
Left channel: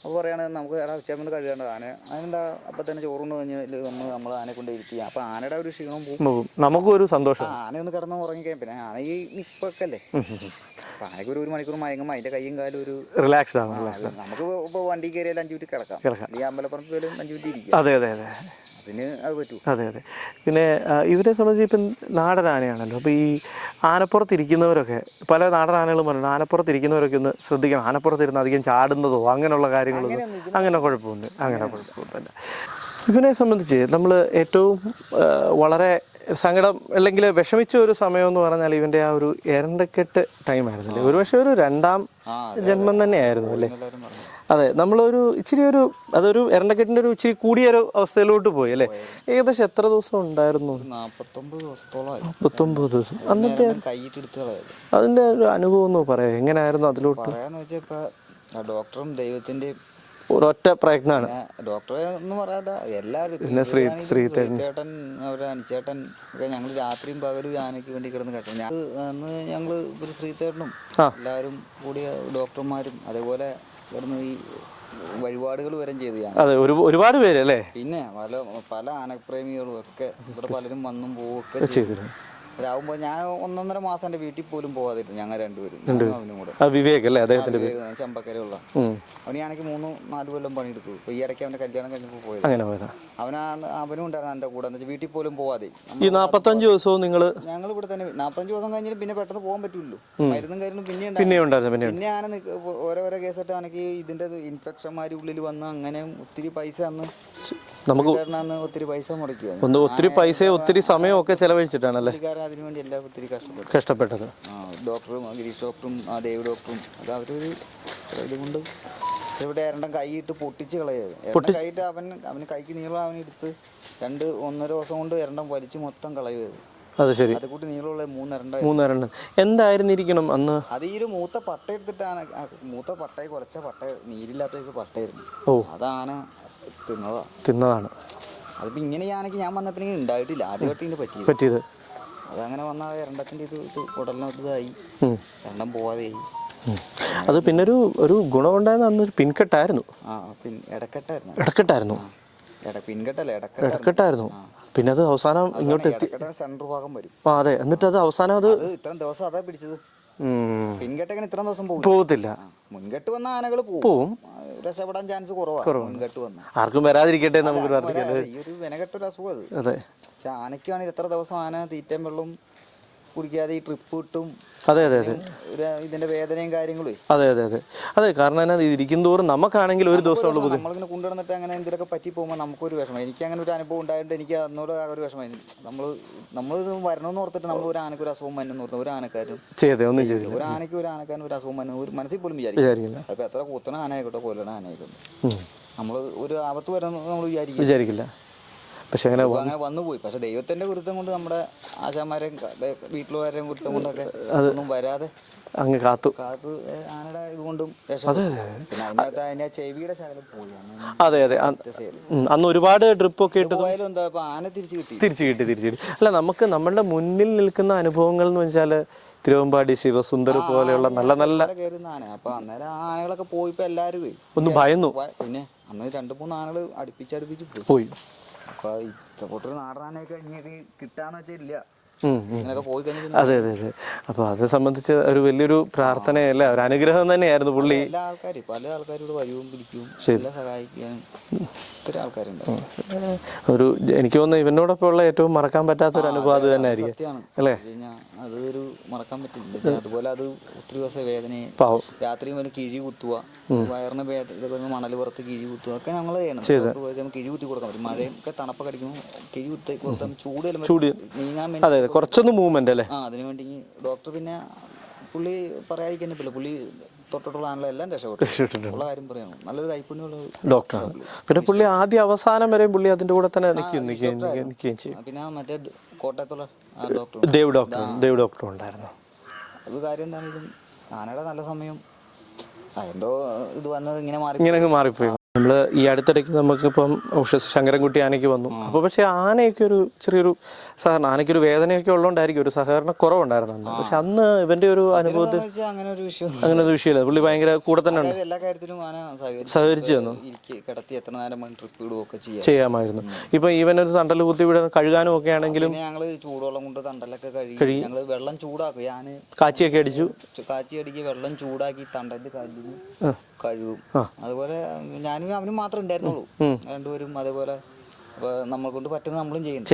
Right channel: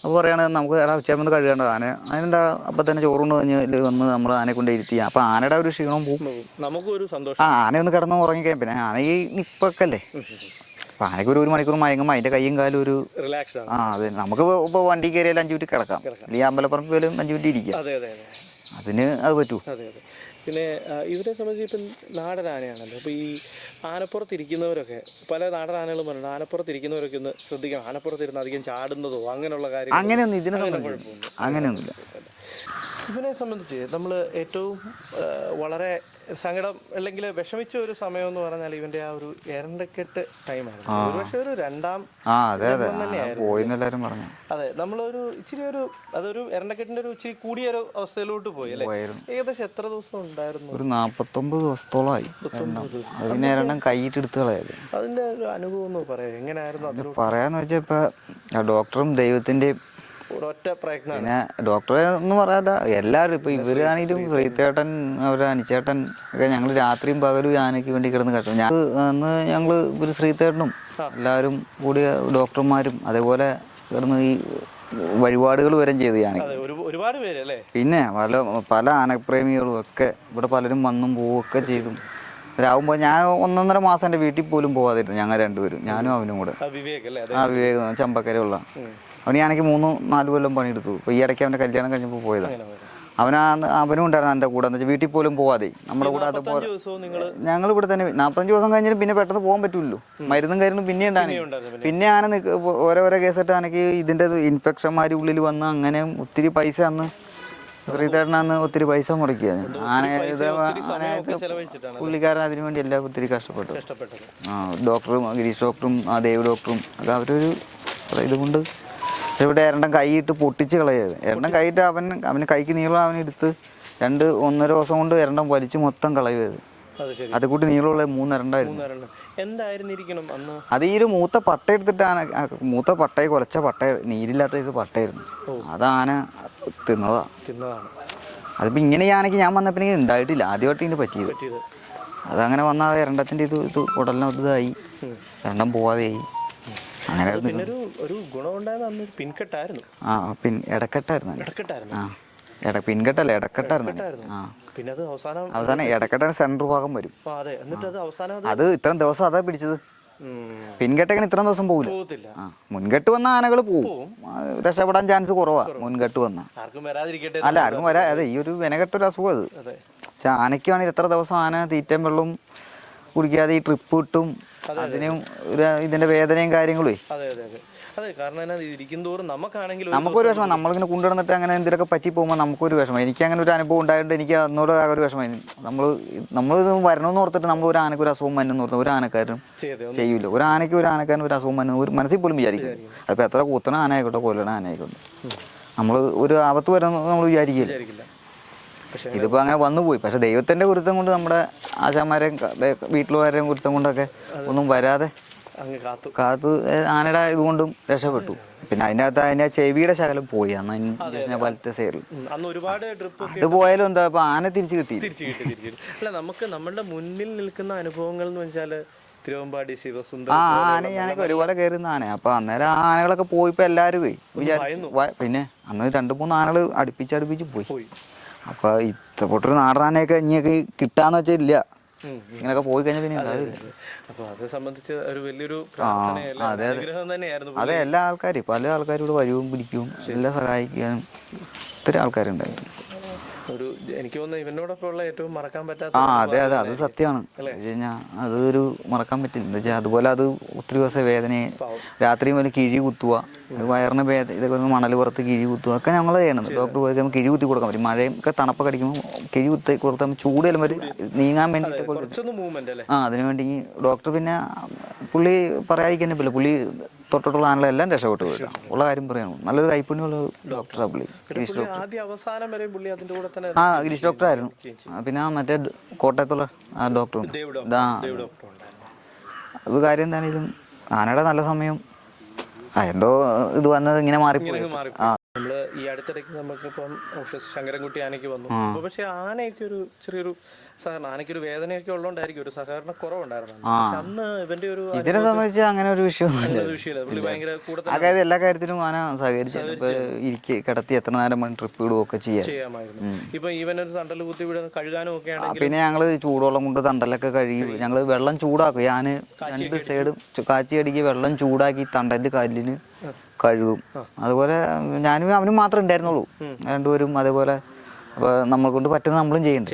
[SPEAKER 2] അപ്പോൾ പറയുകയാണെങ്കിൽ നമുക്ക് എടാ ഉച്ചയാകുമ്പോൾ കഴുകേണ്ടത് ആന അതിനെന്താ അപ്പം തന്നെ ചോറുണ്ട് കഴിഞ്ഞ് വന്ന് നമ്മൾ ആനയെ കൊണ്ട് ഇരുത്തി. അപ്പം ആനയുടെ ഒരു ക്ഷീണവും പോകും.
[SPEAKER 1] നമുക്കും ഒരു
[SPEAKER 2] ആ
[SPEAKER 1] സന്തോഷം
[SPEAKER 2] ആന ഒന്ന് കിടന്ന് ഉറങ്ങിക്കാൻ പിന്നെ ആന ഈ നിപ്പൊക്കെ അല്ലേ അപ്പം ആനയ്ക്ക് ഒരു ഒരു മണിക്കൂർ മയങ്ങുമ്പോൾ അതിന്റെ കൈയും കാലും ഒരു
[SPEAKER 1] റിലാക്സ് ആണ്.
[SPEAKER 2] ആ അതെ നമുക്ക് ഇപ്പോൾ വണ്ടി കയറിയാലും അഞ്ചു മിനിറ്റ് കിടക്കാം. ഈ അമ്പലപ്പുറം പോയാലും അഞ്ച് മിനിറ്റ് ഇരിക്കാം.
[SPEAKER 1] അതെ അതെ അതെ.
[SPEAKER 2] അതിന് അത് പറ്റൂ.
[SPEAKER 1] അതെ അതെ. പിന്നെ ഇവരെ സംബന്ധിച്ച് ഇപ്പം നാടൻ ആനയാണല്ലോ അപ്പോൾ ഈ ആനപ്പുറത്തിരിക്കുന്നവരൊക്കെ പല നാടൻ ആനകളും പറഞ്ഞു ആനപ്പുറത്ത് ഇരിക്കുന്നവരൊക്കെ ഒന്ന് ശ്രദ്ധിക്കണം. ആനപ്പുറത്തിരുന്ന് അധികം ചാടുന്നതോ അങ്ങനെയുള്ള കാര്യങ്ങൾ
[SPEAKER 2] അങ്ങനെയൊന്നും
[SPEAKER 1] അങ്ങനെ കുഴപ്പമൊന്നും അങ്ങനെയൊന്നും ഇവനെ സംബന്ധിച്ച് നമ്മൾ ഏറ്റവും വളരെ സങ്കടം അല്ലെങ്കിൽ വിഷമിച്ച ഒരു സമയം എന്ന് പറഞ്ഞാൽ ഇവന്റെ ആ ഒരു എരണ്ടക്കെട്ട് ടൈം ആയിരുന്നു. ഒരു പക്ഷെ ഒരു രണ്ടാം ജന്മം തന്നെയായിരുന്നു അതെ നമ്മളൊരു ഇച്ചിരി ഒരു അതൊരു എരണ്ടക്കെട്ടിന്റെ ഒരു ഇച്ചിരി കൂടിയ ഒരു അവസ്ഥയിലോട്ട് പോയി അല്ലേ? ഏകദേശം എത്ര ദിവസം ഉണ്ടായിരുന്നു?
[SPEAKER 2] ഒരു നാൽപ്പത്തൊമ്പത് ദിവസത്തോളമായി.
[SPEAKER 1] മുപ്പത്തൊമ്പത് ദിവസം.
[SPEAKER 2] കളയത്
[SPEAKER 1] അതിന്റെ ഒരു അനുഭവം എന്ന് പറയാം എങ്ങനെയായിരുന്നു അതിലോട്ട്?
[SPEAKER 2] പറയാന്ന് വെച്ചാൽ ഇപ്പൊ ഡോക്ടറും ദൈവത്തിന്റെയും
[SPEAKER 1] ഒരൊറ്റ പ്രയത്നമാണ്.
[SPEAKER 2] ഡോക്ടറെ ഒന്നും പറയാല്ല എല്ലാവരും ഇപ്പൊ ശ്രീചേട്ടൻ അവരെ അനിച്ചേട്ടൻ ഒക്കെ ഞങ്ങൾ രാത്രിയും പകലും ആനയ്ക്ക് വേണ്ടി കിടന്ന് കഷ്ടം. ഞാൻ അന്ന് ഞങ്ങൾ ഒരു ശ്രീതേട്ടനും എല്ലാവരും കൂടിയ ഡോക്ടർമാരും അതേപോലെ കിടന്ന് ഈ വഴിപാടുകൾ വരെ ചെയ്ത് ഞാൻ.
[SPEAKER 1] ഒരുപാട് പേര് അല്ലേ?
[SPEAKER 2] പിന്നെ പല പല ആനപ്രേമികളും ഒക്കെ ഇവിടെ പലരും വന്നും പോവുകയൊക്കെ ചെയ്തു. രാവുമ്പോ ഞാൻ ഒന്നൊന്നര മാസം എന്റെ വീട്ടിൽ പോലും പോവാതിരുന്നു ഞങ്ങൾ രണ്ടുപേരും. ഞാനും അവനും കൂടെ.
[SPEAKER 1] വിവേക് അല്ലേ?
[SPEAKER 2] വിവേകം ചമ്പക്കരയുള്ള.
[SPEAKER 1] ഉം.
[SPEAKER 2] അവന് ഞാനെനിക്ക് മൂന്ന് നാല് കൊല്ലം പണിയെടുത്തു. ഇപ്പോൾ ഈ ഇടയ്ക്ക് അവന്റെ കല്യാണം കഴിഞ്ഞപ്പോൾ പോയത്.
[SPEAKER 1] അങ്ങനെ പോയത്.
[SPEAKER 2] അവനാ അവനും ഉണ്ടായിരുന്നു എന്റെ കൂടെ. എന്ന് വെച്ചാൽ വീട്ടിൽ പോലും പോവാതെ. നമ്മൾ
[SPEAKER 1] ദിവസവും നിങ്ങൾ
[SPEAKER 2] ഞങ്ങൾ ഇവിടെ തന്നെ നാൽപ്പത്തഞ്ച് ദിവസം കഴിഞ്ഞാൽ പിന്നെ പെട്ടെന്ന് പോകാൻ പറ്റുമല്ലോ മരുന്നും കാര്യങ്ങളും പിന്നെ
[SPEAKER 1] പിന്നെ
[SPEAKER 2] ഉണ്ടായിരുന്നു
[SPEAKER 1] പിന്നെ
[SPEAKER 2] ആന ഓരോരോ കേസിട്ട് ആനക്ക് ഇതിന്റെ ഇൻഫെക്ഷന്മാർ ഉള്ളിൽ വന്ന് അങ്ങനെ ഒത്തിരി പൈസ അന്ന് അന്ന് ഒത്തിരി പൈസ മുടക്കിയത്.
[SPEAKER 1] ഒത്തിരി പൈസ ഒത്തിരി സമയമൊക്കെ ഒക്കെ ചെലവഴിച്ചിട്ടാണല്ലേ?
[SPEAKER 2] പുള്ളിക്കാരൻ അതിനു വേണ്ടി എല്ലാം ഒത്തിരി കഷ്ടപ്പെട്ടു.
[SPEAKER 1] കഷ്ടപ്പെട്ടത്.
[SPEAKER 2] ഡോക്ടറും ഗിരീഷ് ഡോക്ടറും ആ ദേവ് ഡോക്ടറും അത് അവരൊരു ഇതുകൊണ്ട് ഇവിടെ രണ്ടും കൈയിട്ട് പൊട്ടിച്ച് കളയത്. എണ്ണം കൈയിട്ട് അവൻ അവന് കൈക്ക് നീളം അവൻ എടുത്ത് രണ്ട് ഒന്നര ദിവസം കൊണ്ട് എരണ്ടം വലിച്ച് മൊത്തം കളയത്
[SPEAKER 1] അത് ശരി.
[SPEAKER 2] അത് കൂട്ടി നീളമുള്ള മൂന്നെരണ്ടായിരുന്നു.
[SPEAKER 1] മൂന്നേരണ്ട്. എന്തായിരുന്നിരിക്കണം അന്ന്?
[SPEAKER 2] അത് ഈ ഒരു മൂത്ത പട്ട എടുത്തിട്ടാണ് മൂത്ത പട്ടയെ കുലച്ച പട്ട നീരില്ലാത്ത ഒരു പട്ടയായിരുന്നു.
[SPEAKER 1] ഓ.
[SPEAKER 2] അത് ആന തിന്നതാ.
[SPEAKER 1] തിന്നതാണ്.
[SPEAKER 2] അതിപ്പോ ഇങ്ങനെ ആണെങ്കിൽ ആനയ്ക്ക് ഞാൻ വന്നപ്പോ ഇങ്ങനെ ഉണ്ടായിട്ടില്ല. ആദ്യമായിട്ട് ഇതിന് പറ്റിയത്.
[SPEAKER 1] പറ്റിയത്.
[SPEAKER 2] അതങ്ങനെ വന്നാൽ എരണ്ടത്തിന്റെ ഇത് ഇത് ഉടലിനകത്ത് ഇതായി.
[SPEAKER 1] ഉം.
[SPEAKER 2] എണ്ണം പോവാതെയായി.
[SPEAKER 1] അത് പിന്നെ ഒരു ഒരു ഗുണമുണ്ടായിരുന്ന അന്ന് ഒരു പിൻകെട്ടായിരുന്നു.
[SPEAKER 2] ആ പിൻ ഇടക്കെട്ടായിരുന്നു.
[SPEAKER 1] ഇടക്കെട്ടായിരുന്നു.
[SPEAKER 2] പിൻകെട്ടല്ല ഇടക്കെട്ടായിരുന്നു.
[SPEAKER 1] പിന്നെ അത് അവസാനം
[SPEAKER 2] ഇടക്കെട്ടാണ് സെൻട്രൽ ഭാഗം വരും.
[SPEAKER 1] ആ അതെ. എന്നിട്ട് അത് അവസാനം അത്
[SPEAKER 2] ഇത്രയും ദിവസം അതാ പിടിച്ചത്? പിൻകെട്ടങ്ങനെ ഇത്രയും ദിവസം
[SPEAKER 1] പോകത്തില്ല.
[SPEAKER 2] മുൻകെട്ട് വന്ന ആനകൾ പോവും. രക്ഷപ്പെടാൻ ചാൻസ് കുറവാ മുൻകെട്ട് വന്ന.
[SPEAKER 1] ആർക്കും വരാതിരിക്കട്ടെ
[SPEAKER 2] അല്ല ഈ ഒരു വെനകെട്ടൊരു അസുഖം അത്.
[SPEAKER 1] അതെ.
[SPEAKER 2] എത്ര ദിവസം ആന തീറ്റയും വെള്ളവും കുടിക്കാതെ ഈ ട്രിപ്പ് കിട്ടും
[SPEAKER 1] അതെ, അതെ,
[SPEAKER 2] ഇതിന്റെ വേദനയും കാര്യങ്ങളും
[SPEAKER 1] അതെ അതെ അതെ. അതെ കാരണം എന്നാ ഇരിക്കും തോറും നമുക്കാണെങ്കിൽ ഒരു ദിവസം
[SPEAKER 2] നമ്മളിങ്ങനെ കൊണ്ടുവന്നിട്ട് അങ്ങനെ എന്തെങ്കിലുമൊക്കെ പറ്റി പോകുമ്പോൾ നമുക്കൊരു വിഷമം. എനിക്ക് അങ്ങനെ ഒരു അനുഭവം ഉണ്ടായതുകൊണ്ട് എനിക്ക് അന്നോട് ഒരു വിഷമം. നമ്മൾ നമ്മൾ വരണമെന്ന് ഓർത്തിട്ട് നമ്മൾ ഒരു ആനക്ക് ഒരു അസുഖം വന്നെന്ന് ഓർത്ത് ഒരു ആനക്കാരനും ചെയ്തില്ല. ഒരു ആനയ്ക്ക് ഒരു ആനക്കാരനും ഒരു അസുഖം വന്നു ഒരു മനസ്സിൽ പോലും വിചാരിക്കും
[SPEAKER 1] വിചാരിക്കില്ല.
[SPEAKER 2] അപ്പൊ എത്ര കൂത്തണ ആന ആയിക്കോട്ടെ കൊല്ലണ ആന ആയിക്കോട്ടെ നമ്മൾ ഒരു ആപത്ത് വരുന്ന നമ്മൾ വിചാരിക്കും
[SPEAKER 1] വിചാരിക്കില്ല. പക്ഷെ അങ്ങനെ
[SPEAKER 2] അങ്ങനെ വന്നു പോയി. പക്ഷെ ദൈവത്തിന്റെ ഗുരുത്വം കൊണ്ട് നമ്മുടെ ആശാമാരെയും വീട്ടിലുകാരെയും ഗുരുത്വം കൊണ്ടൊക്കെ ഒന്നും വരാതെ
[SPEAKER 1] അങ്ങ് കാത്തു.
[SPEAKER 2] കാത്തു ആനയുടെ ഇതുകൊണ്ടും രക്ഷപ്പെട്ടു. പിന്നെ അതിന്റെ അകത്ത് അതിന്റെ ചെവിയുടെ ശകലം പോയി അന്ന്
[SPEAKER 1] അതെ, അതെ. അന്ന് ഒരുപാട് ട്രിപ്പ് ഒക്കെ
[SPEAKER 2] പോയാലും എന്താ ഇപ്പൊ ആന തിരിച്ചു കിട്ടി.
[SPEAKER 1] തിരിച്ചു കിട്ടി തിരിച്ചു കിട്ടി. അല്ല നമുക്ക് നമ്മളുടെ മുന്നിൽ നിൽക്കുന്ന അനുഭവങ്ങൾ എന്ന് വെച്ചാൽ തിരുവമ്പാടി ശിവസുന്ദർ പോലെയുള്ള നല്ല നല്ല
[SPEAKER 2] നല്ല കയറുന്ന ആന അപ്പൊ അന്നേരം ആ ആനകളൊക്കെ പോയിപ്പോ എല്ലാരും പോയി.
[SPEAKER 1] ഒന്ന് ഭയന്നു.
[SPEAKER 2] പിന്നെ അന്ന് രണ്ടു മൂന്ന് ആനകൾ അടുപ്പിച്ച് അടുപ്പിച്ച് പോയി.
[SPEAKER 1] പോയി.
[SPEAKER 2] അപ്പൊ ഇഷ്ടപ്പെട്ടൊരു നാടനൊക്കെ ഇനിയൊക്കെ കിട്ടാന്ന് വെച്ചാൽ ഇല്ല
[SPEAKER 1] ഉം.
[SPEAKER 2] പോയി കഴിഞ്ഞാൽ
[SPEAKER 1] അതെ അതെ അതെ. അപ്പൊ അത് സംബന്ധിച്ച് ഒരു വലിയൊരു പ്രാർത്ഥനയല്ല? ഒരു അനുഗ്രഹം തന്നെയായിരുന്നു പുള്ളി.
[SPEAKER 2] എല്ലാ ആൾക്കാരും പല ആൾക്കാരും ഇവിടെ വരുവും പിടിക്കും എല്ലാം സഹായിക്കാനും. ഒത്തിരി ആൾക്കാരുണ്ട്.
[SPEAKER 1] ഒരു എനിക്ക് തോന്നുന്നു ഇവനോടൊപ്പം ഉള്ള ഏറ്റവും മറക്കാൻ പറ്റാത്ത
[SPEAKER 2] സത്യമാണ്. അതൊരു മറക്കാൻ പറ്റില്ല. അതുപോലെ അത് ഒത്തിരി ദിവസം വേദനയെ
[SPEAKER 1] രാത്രിയും
[SPEAKER 2] രാത്രി മുതൽ കിഴി കുത്തുക വയറിന് വേദ ഇതൊക്കെ മണൽ പുറത്ത് കിഴി കുത്തുക ഒക്കെ ഞങ്ങൾ ചെയ്യണം ഡോക്ടർ പോയി കഴിയുമ്പോൾ കിഴി കുത്തി കൊടുക്കാൻ പറ്റും. മഴയും ഒക്കെ തണുപ്പൊക്കെ അടിക്കുമ്പോൾ കിഴി കുത്തി കൊടുത്താൽ ചൂട് നീങ്ങാൻ വേണ്ടി
[SPEAKER 1] കുറച്ചൊന്ന് മൂവ്മെന്റ് അല്ലേ?
[SPEAKER 2] ആ അതിനുവേണ്ടി ഡോക്ടർ പിന്നെ പുള്ളി പറയാതിരിക്കാൻ പറ്റില്ല. പുള്ളി തൊട്ടിട്ടുള്ള എല്ലാം രക്ഷപ്പെട്ടു ഉള്ള കാര്യം പറയാണ്. നല്ലൊരു കൈപ്പുണ്യമുള്ള ഡോക്ടർ.
[SPEAKER 1] പിന്നെ പുള്ളി ആദ്യ അവസാനം വരെ പുള്ളി അതിന്റെ കൂടെ തന്നെ
[SPEAKER 2] ഡോക്ടർ ആയിരുന്നു. പിന്നെ മറ്റേ കോട്ടയത്തുള്ള doctor
[SPEAKER 1] Dev doctor Dev doctor ഉണ്ടായിരുന്നു.
[SPEAKER 2] അത് കാര്യം എന്താണെങ്കിലും ആനയുടെ നല്ല സമയം എന്തോ ഇത് വന്നത് ഇങ്ങനെ മാറി
[SPEAKER 1] ഇങ്ങനെ മാറിപ്പോയി. നമ്മൾ ഈ അടുത്തിടയ്ക്ക് നമുക്കിപ്പം ശങ്കരൻകുട്ടി ആനയ്ക്ക് വന്നു. അപ്പൊ പക്ഷെ ആനയൊക്കെ ഒരു ചെറിയൊരു സഹകരണം ആനയ്ക്ക് ഒരു വേദനയൊക്കെ ഉള്ളതുകൊണ്ടായിരിക്കും ഒരു സഹകരണ കുറവുണ്ടായിരുന്നു. പക്ഷെ അന്ന് ഇവന്റെ ഒരു അനുഭവം
[SPEAKER 2] അങ്ങനെ ഒരു വിഷയം
[SPEAKER 1] അങ്ങനെ ഒരു വിഷയമില്ല. പുള്ളി ഭയങ്കര കൂടെ തന്നെ
[SPEAKER 2] എല്ലാ കാര്യത്തിലും ആന സഹകരിച്ചു ഇരിക്കെ കിടത്തി എത്ര നേരം ട്രിപ്പ് ഇടുകയൊക്കെ ചെയ്യാം
[SPEAKER 1] ചെയ്യാമായിരുന്നു. ഇപ്പൊ ഈവൻ ഒരു തണ്ടൽ കുത്തി വിടുന്ന കഴുകാനും ഒക്കെ ആണെങ്കിൽ
[SPEAKER 2] പിന്നെ ഞങ്ങൾ ചൂടുവെള്ളം കൊണ്ട് തണ്ടലൊക്കെ കഴുകി. ഞങ്ങൾ വെള്ളം ചൂടാക്കും. ഞാൻ
[SPEAKER 1] കാച്ചിയൊക്കെ
[SPEAKER 2] അടിച്ച്. കാച്ചി അടിക്ക് വെള്ളം ചൂടാക്കി തണ്ടന്റെ കല്ലിൽ കഴുകും അതുപോലെ ഞാനും അവനും മാത്രമേ ഉണ്ടായിരുന്നുള്ളൂ. രണ്ടുപേരും അതേപോലെ നമ്മളെ കൊണ്ട് പറ്റുന്ന നമ്മളും ചെയ്യുന്നു.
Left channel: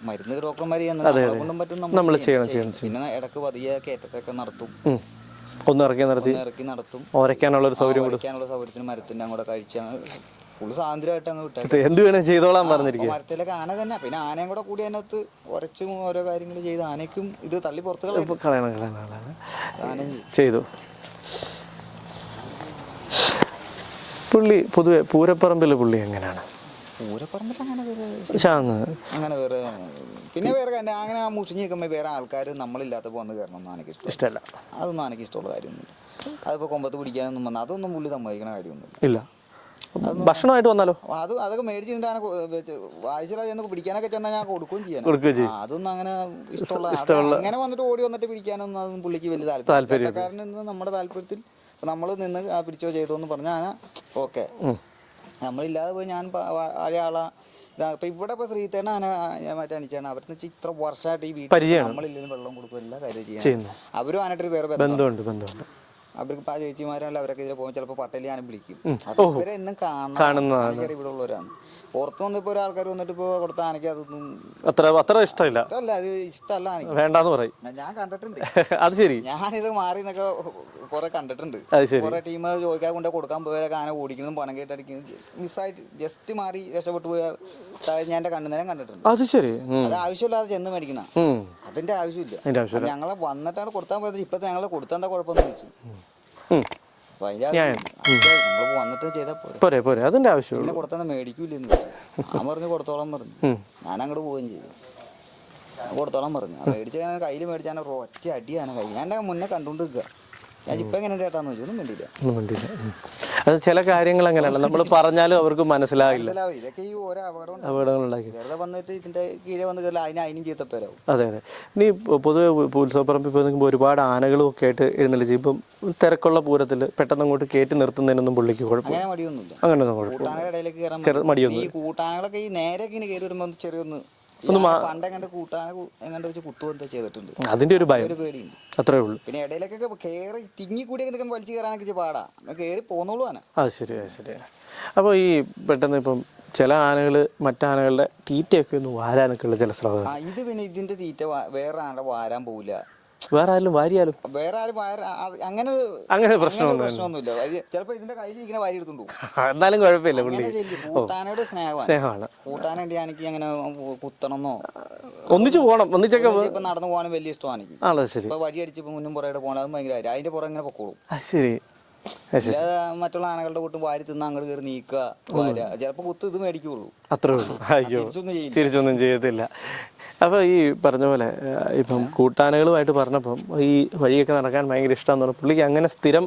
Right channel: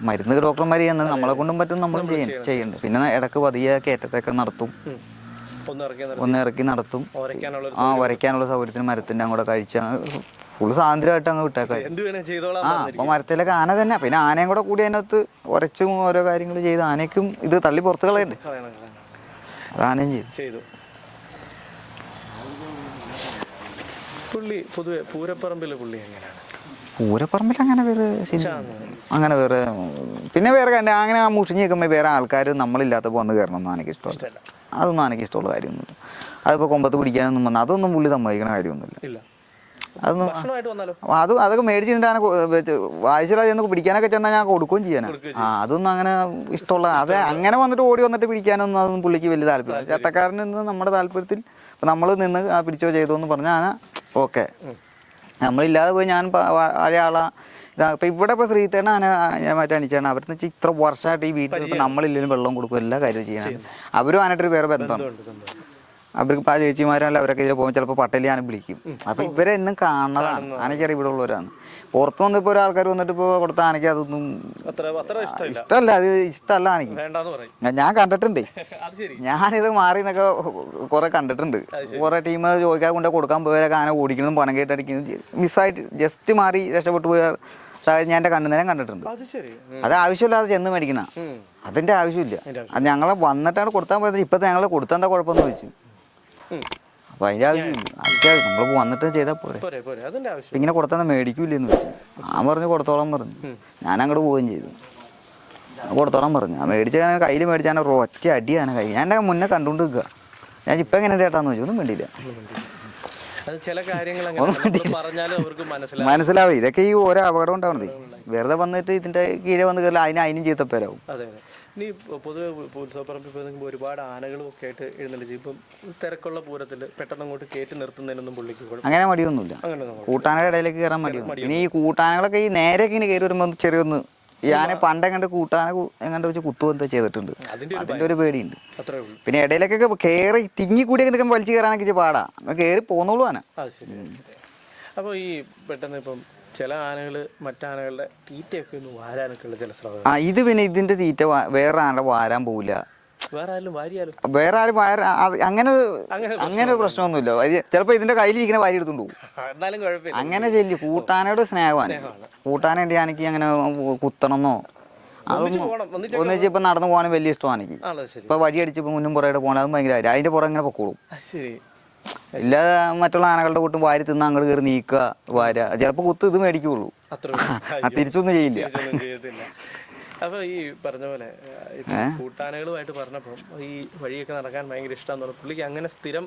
[SPEAKER 2] മരുന്ന് ഡോക്ടർമാർ ചെയ്യുന്നത് നമ്മളെ കൊണ്ടും പറ്റും നമ്മൾ ചെയ്യുന്നു. പിന്നെ ഇടയ്ക്ക് പതിയെ കയറ്റത്തൊക്കെ നടത്തും.
[SPEAKER 1] ഉം. ഒന്ന് ഇറക്കി നിർത്തി
[SPEAKER 2] ഒന്ന് ഇറക്കി നടത്തും. ആ, വരയ്ക്കാനുള്ള സൗകര്യത്തിന് മരത്തിന്റെ അങ്ങോട്ട് കഴിച്ച ഫുള്ള് സ്വാതന്ത്ര്യമായിട്ട് അങ്ങ് വിട്ടേക്കാം.
[SPEAKER 1] എന്ത് വേണേ
[SPEAKER 2] അപ്പൊ മരത്തിലൊക്കെ ആന തന്നെ. പിന്നെ ആനയും കൂടെ കൂടി അതിനകത്ത് ഉരച്ചും ഓരോ കാര്യങ്ങളും ചെയ്ത് ആനയ്ക്കും ഇത് തള്ളി പുറത്ത് കളയുന്നു. ആനയും ചെയ്തു.
[SPEAKER 1] പുള്ളി പൊതുവെ പൂരപ്പറമ്പിലെ പുള്ളി എങ്ങനെയാണ്?
[SPEAKER 2] പൂരപ്പറമ്പിൽ അങ്ങനെ വേറെ അങ്ങനെ വേറെ പിന്നെ വേറെ കാര്യം അങ്ങനെ മുഷിഞ്ഞ് നിൽക്കുമ്പോൾ വേറെ ആൾക്കാർ നമ്മളില്ലാത്തപ്പോൾ വന്ന് കയറണമെന്ന് എനിക്ക് ഇഷ്ടം
[SPEAKER 1] ഇഷ്ടമല്ല.
[SPEAKER 2] അതൊന്നും എനിക്ക് ഇഷ്ടമുള്ള കാര്യമൊന്നുമില്ല. അതിപ്പോൾ കൊമ്പത്ത് പിടിക്കാനൊന്നും വന്ന അതൊന്നും പുള്ളി സമ്മതിക്കണ കാര്യമൊന്നുമില്ല.
[SPEAKER 1] ഇല്ല. ഭക്ഷണമായിട്ട് വന്നാലോ?
[SPEAKER 2] അത് അതൊക്കെ മേടിച്ച് വായിച്ചാൽ ചെന്ന് പിടിക്കാനൊക്കെ ചെന്നാൽ ഞാൻ കൊടുക്കുകയും ചെയ്യാൻ അതൊന്നും അങ്ങനെ ഇഷ്ടമുള്ള അത് അങ്ങനെ വന്നിട്ട് ഓടി വന്നിട്ട് പിടിക്കാനൊന്നും അതൊന്നും പുള്ളിക്ക് വലിയ താല്പര്യം ചട്ടക്കാരൻ നമ്മുടെ താല്പര്യത്തിൽ നമ്മൾ നിന്ന് ആ പിടിച്ചോ ചെയ്തു എന്ന് പറഞ്ഞാൽ ആന ഓക്കെ. നമ്മളില്ലാതെ പോയി ഞാൻ പ- അപ്പൊ ആളാ ഇപ്പൊ ഇവിടെ ഇപ്പൊ ശ്രീത്തേണ ഞാൻ മറ്റേ അനിച്ചാണ് അവരുടെ വെച്ചാൽ ഇത്ര വർഷമായിട്ട് ഈ വീട്ടിൽ നമ്മളില്ലെങ്കിലും വെള്ളം കൊടുക്കും എല്ലാ കാര്യവും ചെയ്യണം. അവരും ആനായിട്ട് വേറെ ബന്ധം.
[SPEAKER 1] ബന്ധമുണ്ട്
[SPEAKER 2] അവർക്ക് ആ അല്ല അവരൊക്കെ ഇതിൽ പോകുമ്പോൾ ചിലപ്പോൾ പട്ടേലി ഞാൻ വിളിക്കും. അപ്പൊ ഇവരെ എന്നും കാണാൻ ആനയ്ക്കറിയാം ഇവിടെ ഉള്ളവരാണ് പുറത്ത് വന്നിപ്പോ ഒരാൾക്കാർ വന്നിട്ട് ഇപ്പൊ കൊടുത്ത ആനയ്ക്ക് അതൊന്നും
[SPEAKER 1] അത്ര അത്ര ഇഷ്ടമില്ല.
[SPEAKER 2] ഇഷ്ടമല്ല അത് ഇഷ്ടമല്ല
[SPEAKER 1] വേണ്ടാന്ന് പറയും.
[SPEAKER 2] ഞാൻ- കണ്ടിട്ടുണ്ട്.
[SPEAKER 1] അത് ശരി.
[SPEAKER 2] ഞാനിത് മാറി എന്നൊക്കെ കുറെ കണ്ടിട്ടുണ്ട്. കൊറേ ടീം ചോദിക്കാൻ കൊണ്ട് കൊടുക്കാൻ പോയവരൊക്കെ ആന ഓടിക്കുന്നതും പണം കേട്ടടിക്കുന്നതും മിസ്സായിട്ട് ജസ്റ്റ് മാറി രക്ഷപ്പെട്ടു പോയ ഞാൻ എന്റെ കണ്ണുനേരം കണ്ടിട്ടുണ്ട്.
[SPEAKER 1] അത് ശരി.
[SPEAKER 2] അത് ആവശ്യമില്ലാതെ ചെന്ന് മേടിക്കുന്ന. അതിന്റെ ആവശ്യമില്ല. ഞങ്ങളെ വന്നിട്ടാണ് കൊടുത്താൽ പോയത്. ഇപ്പത്തെ ഞങ്ങളെ കൊടുത്താൽ എന്താ കുഴപ്പമെന്ന് ചോദിച്ചു. അപ്പൊ അതിന്റെ ആവശ്യം നമ്മൾ വന്നിട്ട് ചെയ്താൽ പോരെ.
[SPEAKER 1] പോരെ പോരെ. അതിന്റെ ആവശ്യം
[SPEAKER 2] ഇങ്ങനെ കൊടുത്താൽ മേടിക്കൂലെന്ന് വെച്ചു. ഞാൻ പറഞ്ഞു കൊടുത്തോളാം പറഞ്ഞു. ഞാൻ അങ്ങോട്ട് പോവുകയും ചെയ്തു. കൊടുത്തോളാം പറഞ്ഞു. മേടിച്ച കയ്യിൽ മേടിച്ചാൽ ഒറ്റ അടിയാണ് കൈ ഞാൻ മുന്നേ കണ്ടുകൊണ്ട് നിൽക്കുക ഞാൻ ഇപ്പം എങ്ങനെ ചേട്ടാന്ന് ചോദിച്ചു. ഒന്നും വേണ്ടിയില്ല
[SPEAKER 1] ഒന്നും വേണ്ടിയില്ല. അത് ചില കാര്യങ്ങൾ അങ്ങനെയാണ് നമ്മൾ പറഞ്ഞാലും അവർക്ക് മനസ്സിലാവും
[SPEAKER 2] മനസ്സിലാവും ഇതൊക്കെ ഈ ഓരോ അപകടം ഉണ്ടാവും. വെറുതെ വന്നിട്ട് ഇതിന്റെ കീഴെ വന്ന് കയറില്ല അതിന് അതിനും ചീത്തപ്പേരാവും.
[SPEAKER 1] അതെ അതെ. ഇനി പൊതുവെ ഉത്സവപ്പറമ്പ് ഉത്സവപ്പറമ്പിൽ പോയി നിൽക്കുമ്പോൾ ഒരുപാട് ആനകളും ഒക്കെ ആയിട്ട് എഴുന്നള്ളിച്ച് ഇപ്പം തിരക്കുള്ള പൂരത്തിൽ പെട്ടെന്ന് അങ്ങോട്ട് കയറ്റി നിർത്തുന്നതിനൊന്നും പുള്ളിക്ക് കുഴപ്പം
[SPEAKER 2] അങ്ങനെ മടിയൊന്നുമില്ല.
[SPEAKER 1] അങ്ങനെ
[SPEAKER 2] കൂട്ടാനയുടെ ഇടയിലേക്ക് കയറാൻ മടിയൊന്നും ഈ കൂട്ടാനകളൊക്കെ ഈ നേരെ ഇങ്ങനെ കയറി വരുമ്പോൾ ചെറിയൊന്ന് പണ്ട് കൂട്ടാന എങ്ങനെ വെച്ച് കുത്തു എന്താ ചെയ്തിട്ടുണ്ട്.
[SPEAKER 1] അതിന്റെ ഒരു ഭയം.
[SPEAKER 2] ഒരു പേടിയുണ്ട്.
[SPEAKER 1] അത്രേ ഉള്ളൂ.
[SPEAKER 2] പിന്നെ ഇടയിലൊക്കെ കേറി തിങ്ങി കൂടി നിൽക്കുമ്പോൾ വലിച്ചു കയറാനൊക്കെ പാടാ. കയറി പോന്നോളൂ ആന.
[SPEAKER 1] അത് ശരി അപ്പൊ ശരി അപ്പോൾ ഈ പെട്ടെന്ന് ഇപ്പം ചില ആനകൾ മറ്റാനകളുടെ തീറ്റയൊക്കെ ഒന്ന് വാരാനൊക്കെ ഉള്ള ചില ശ്രമം
[SPEAKER 2] ആ ഇത് പിന്നെ ഇതിന്റെ തീറ്റ വേറെ ആരുടെ വാരാൻ പോവില്ല.
[SPEAKER 1] വേറെ ആരും വാരിയാലും.
[SPEAKER 2] വേറെ ആരും അത് അങ്ങനെ
[SPEAKER 1] അങ്ങനെ
[SPEAKER 2] അങ്ങനെ ഒരു പ്രശ്നമൊന്നുമില്ല. ചിലപ്പോ ഇതിന്റെ കയ്യിലിരിക്കുന്ന വാരി എടുത്തുണ്ട് പോകും.
[SPEAKER 1] എന്നാലും കുഴപ്പമില്ല.
[SPEAKER 2] അങ്ങനെ ചെല്ലി കൂട്ടാനോട് സ്നേഹമാണ്.
[SPEAKER 1] സ്നേഹമാണ്.
[SPEAKER 2] കൂട്ടാന എനിക്ക് അങ്ങനെ കുത്തണമെന്നോ?
[SPEAKER 1] ഒന്നിച്ചു പോകണം ഒന്നിച്ചൊക്കെ
[SPEAKER 2] ഒന്നിച്ച് ഇപ്പൊ നടന്നു പോകാനും വലിയ ഇഷ്ടമാണ് എനിക്ക്
[SPEAKER 1] ആണോ? ശരി.
[SPEAKER 2] ഇപ്പൊ വഴി അടിച്ചപ്പോ മുന്നും പുറകെ പോകണം. അതും ഭയങ്കര കാര്യം. അതിന്റെ പുറം ഇങ്ങനെ പൊക്കോളും.
[SPEAKER 1] ആ ശരി.
[SPEAKER 2] എല്ലാ മറ്റുള്ള ആനകളുടെ കൂട്ടും വാരി തിന്ന് അങ്ങോട്ട് കയറി നീക്കുക വാര ചിലപ്പോ കുത്ത് ഇത് മേടിക്കുള്ളൂ.
[SPEAKER 1] അത്രേ ഉള്ളൂ. അയ്യോ.
[SPEAKER 2] തിരിച്ചൊന്നും ചെയ്യില്ല.
[SPEAKER 1] തിരിച്ചൊന്നും ചെയ്യത്തില്ല. അപ്പൊ ഈ പറഞ്ഞ പോലെ ഇപ്പൊ കൂട്ടാനകളുമായിട്ട് പറഞ്ഞപ്പം ഈ വഴിയൊക്കെ നടക്കാൻ ഭയങ്കര ഇഷ്ടം തോന്നുന്നു പുള്ളിക്ക് അങ്ങനെ സ്ഥിരം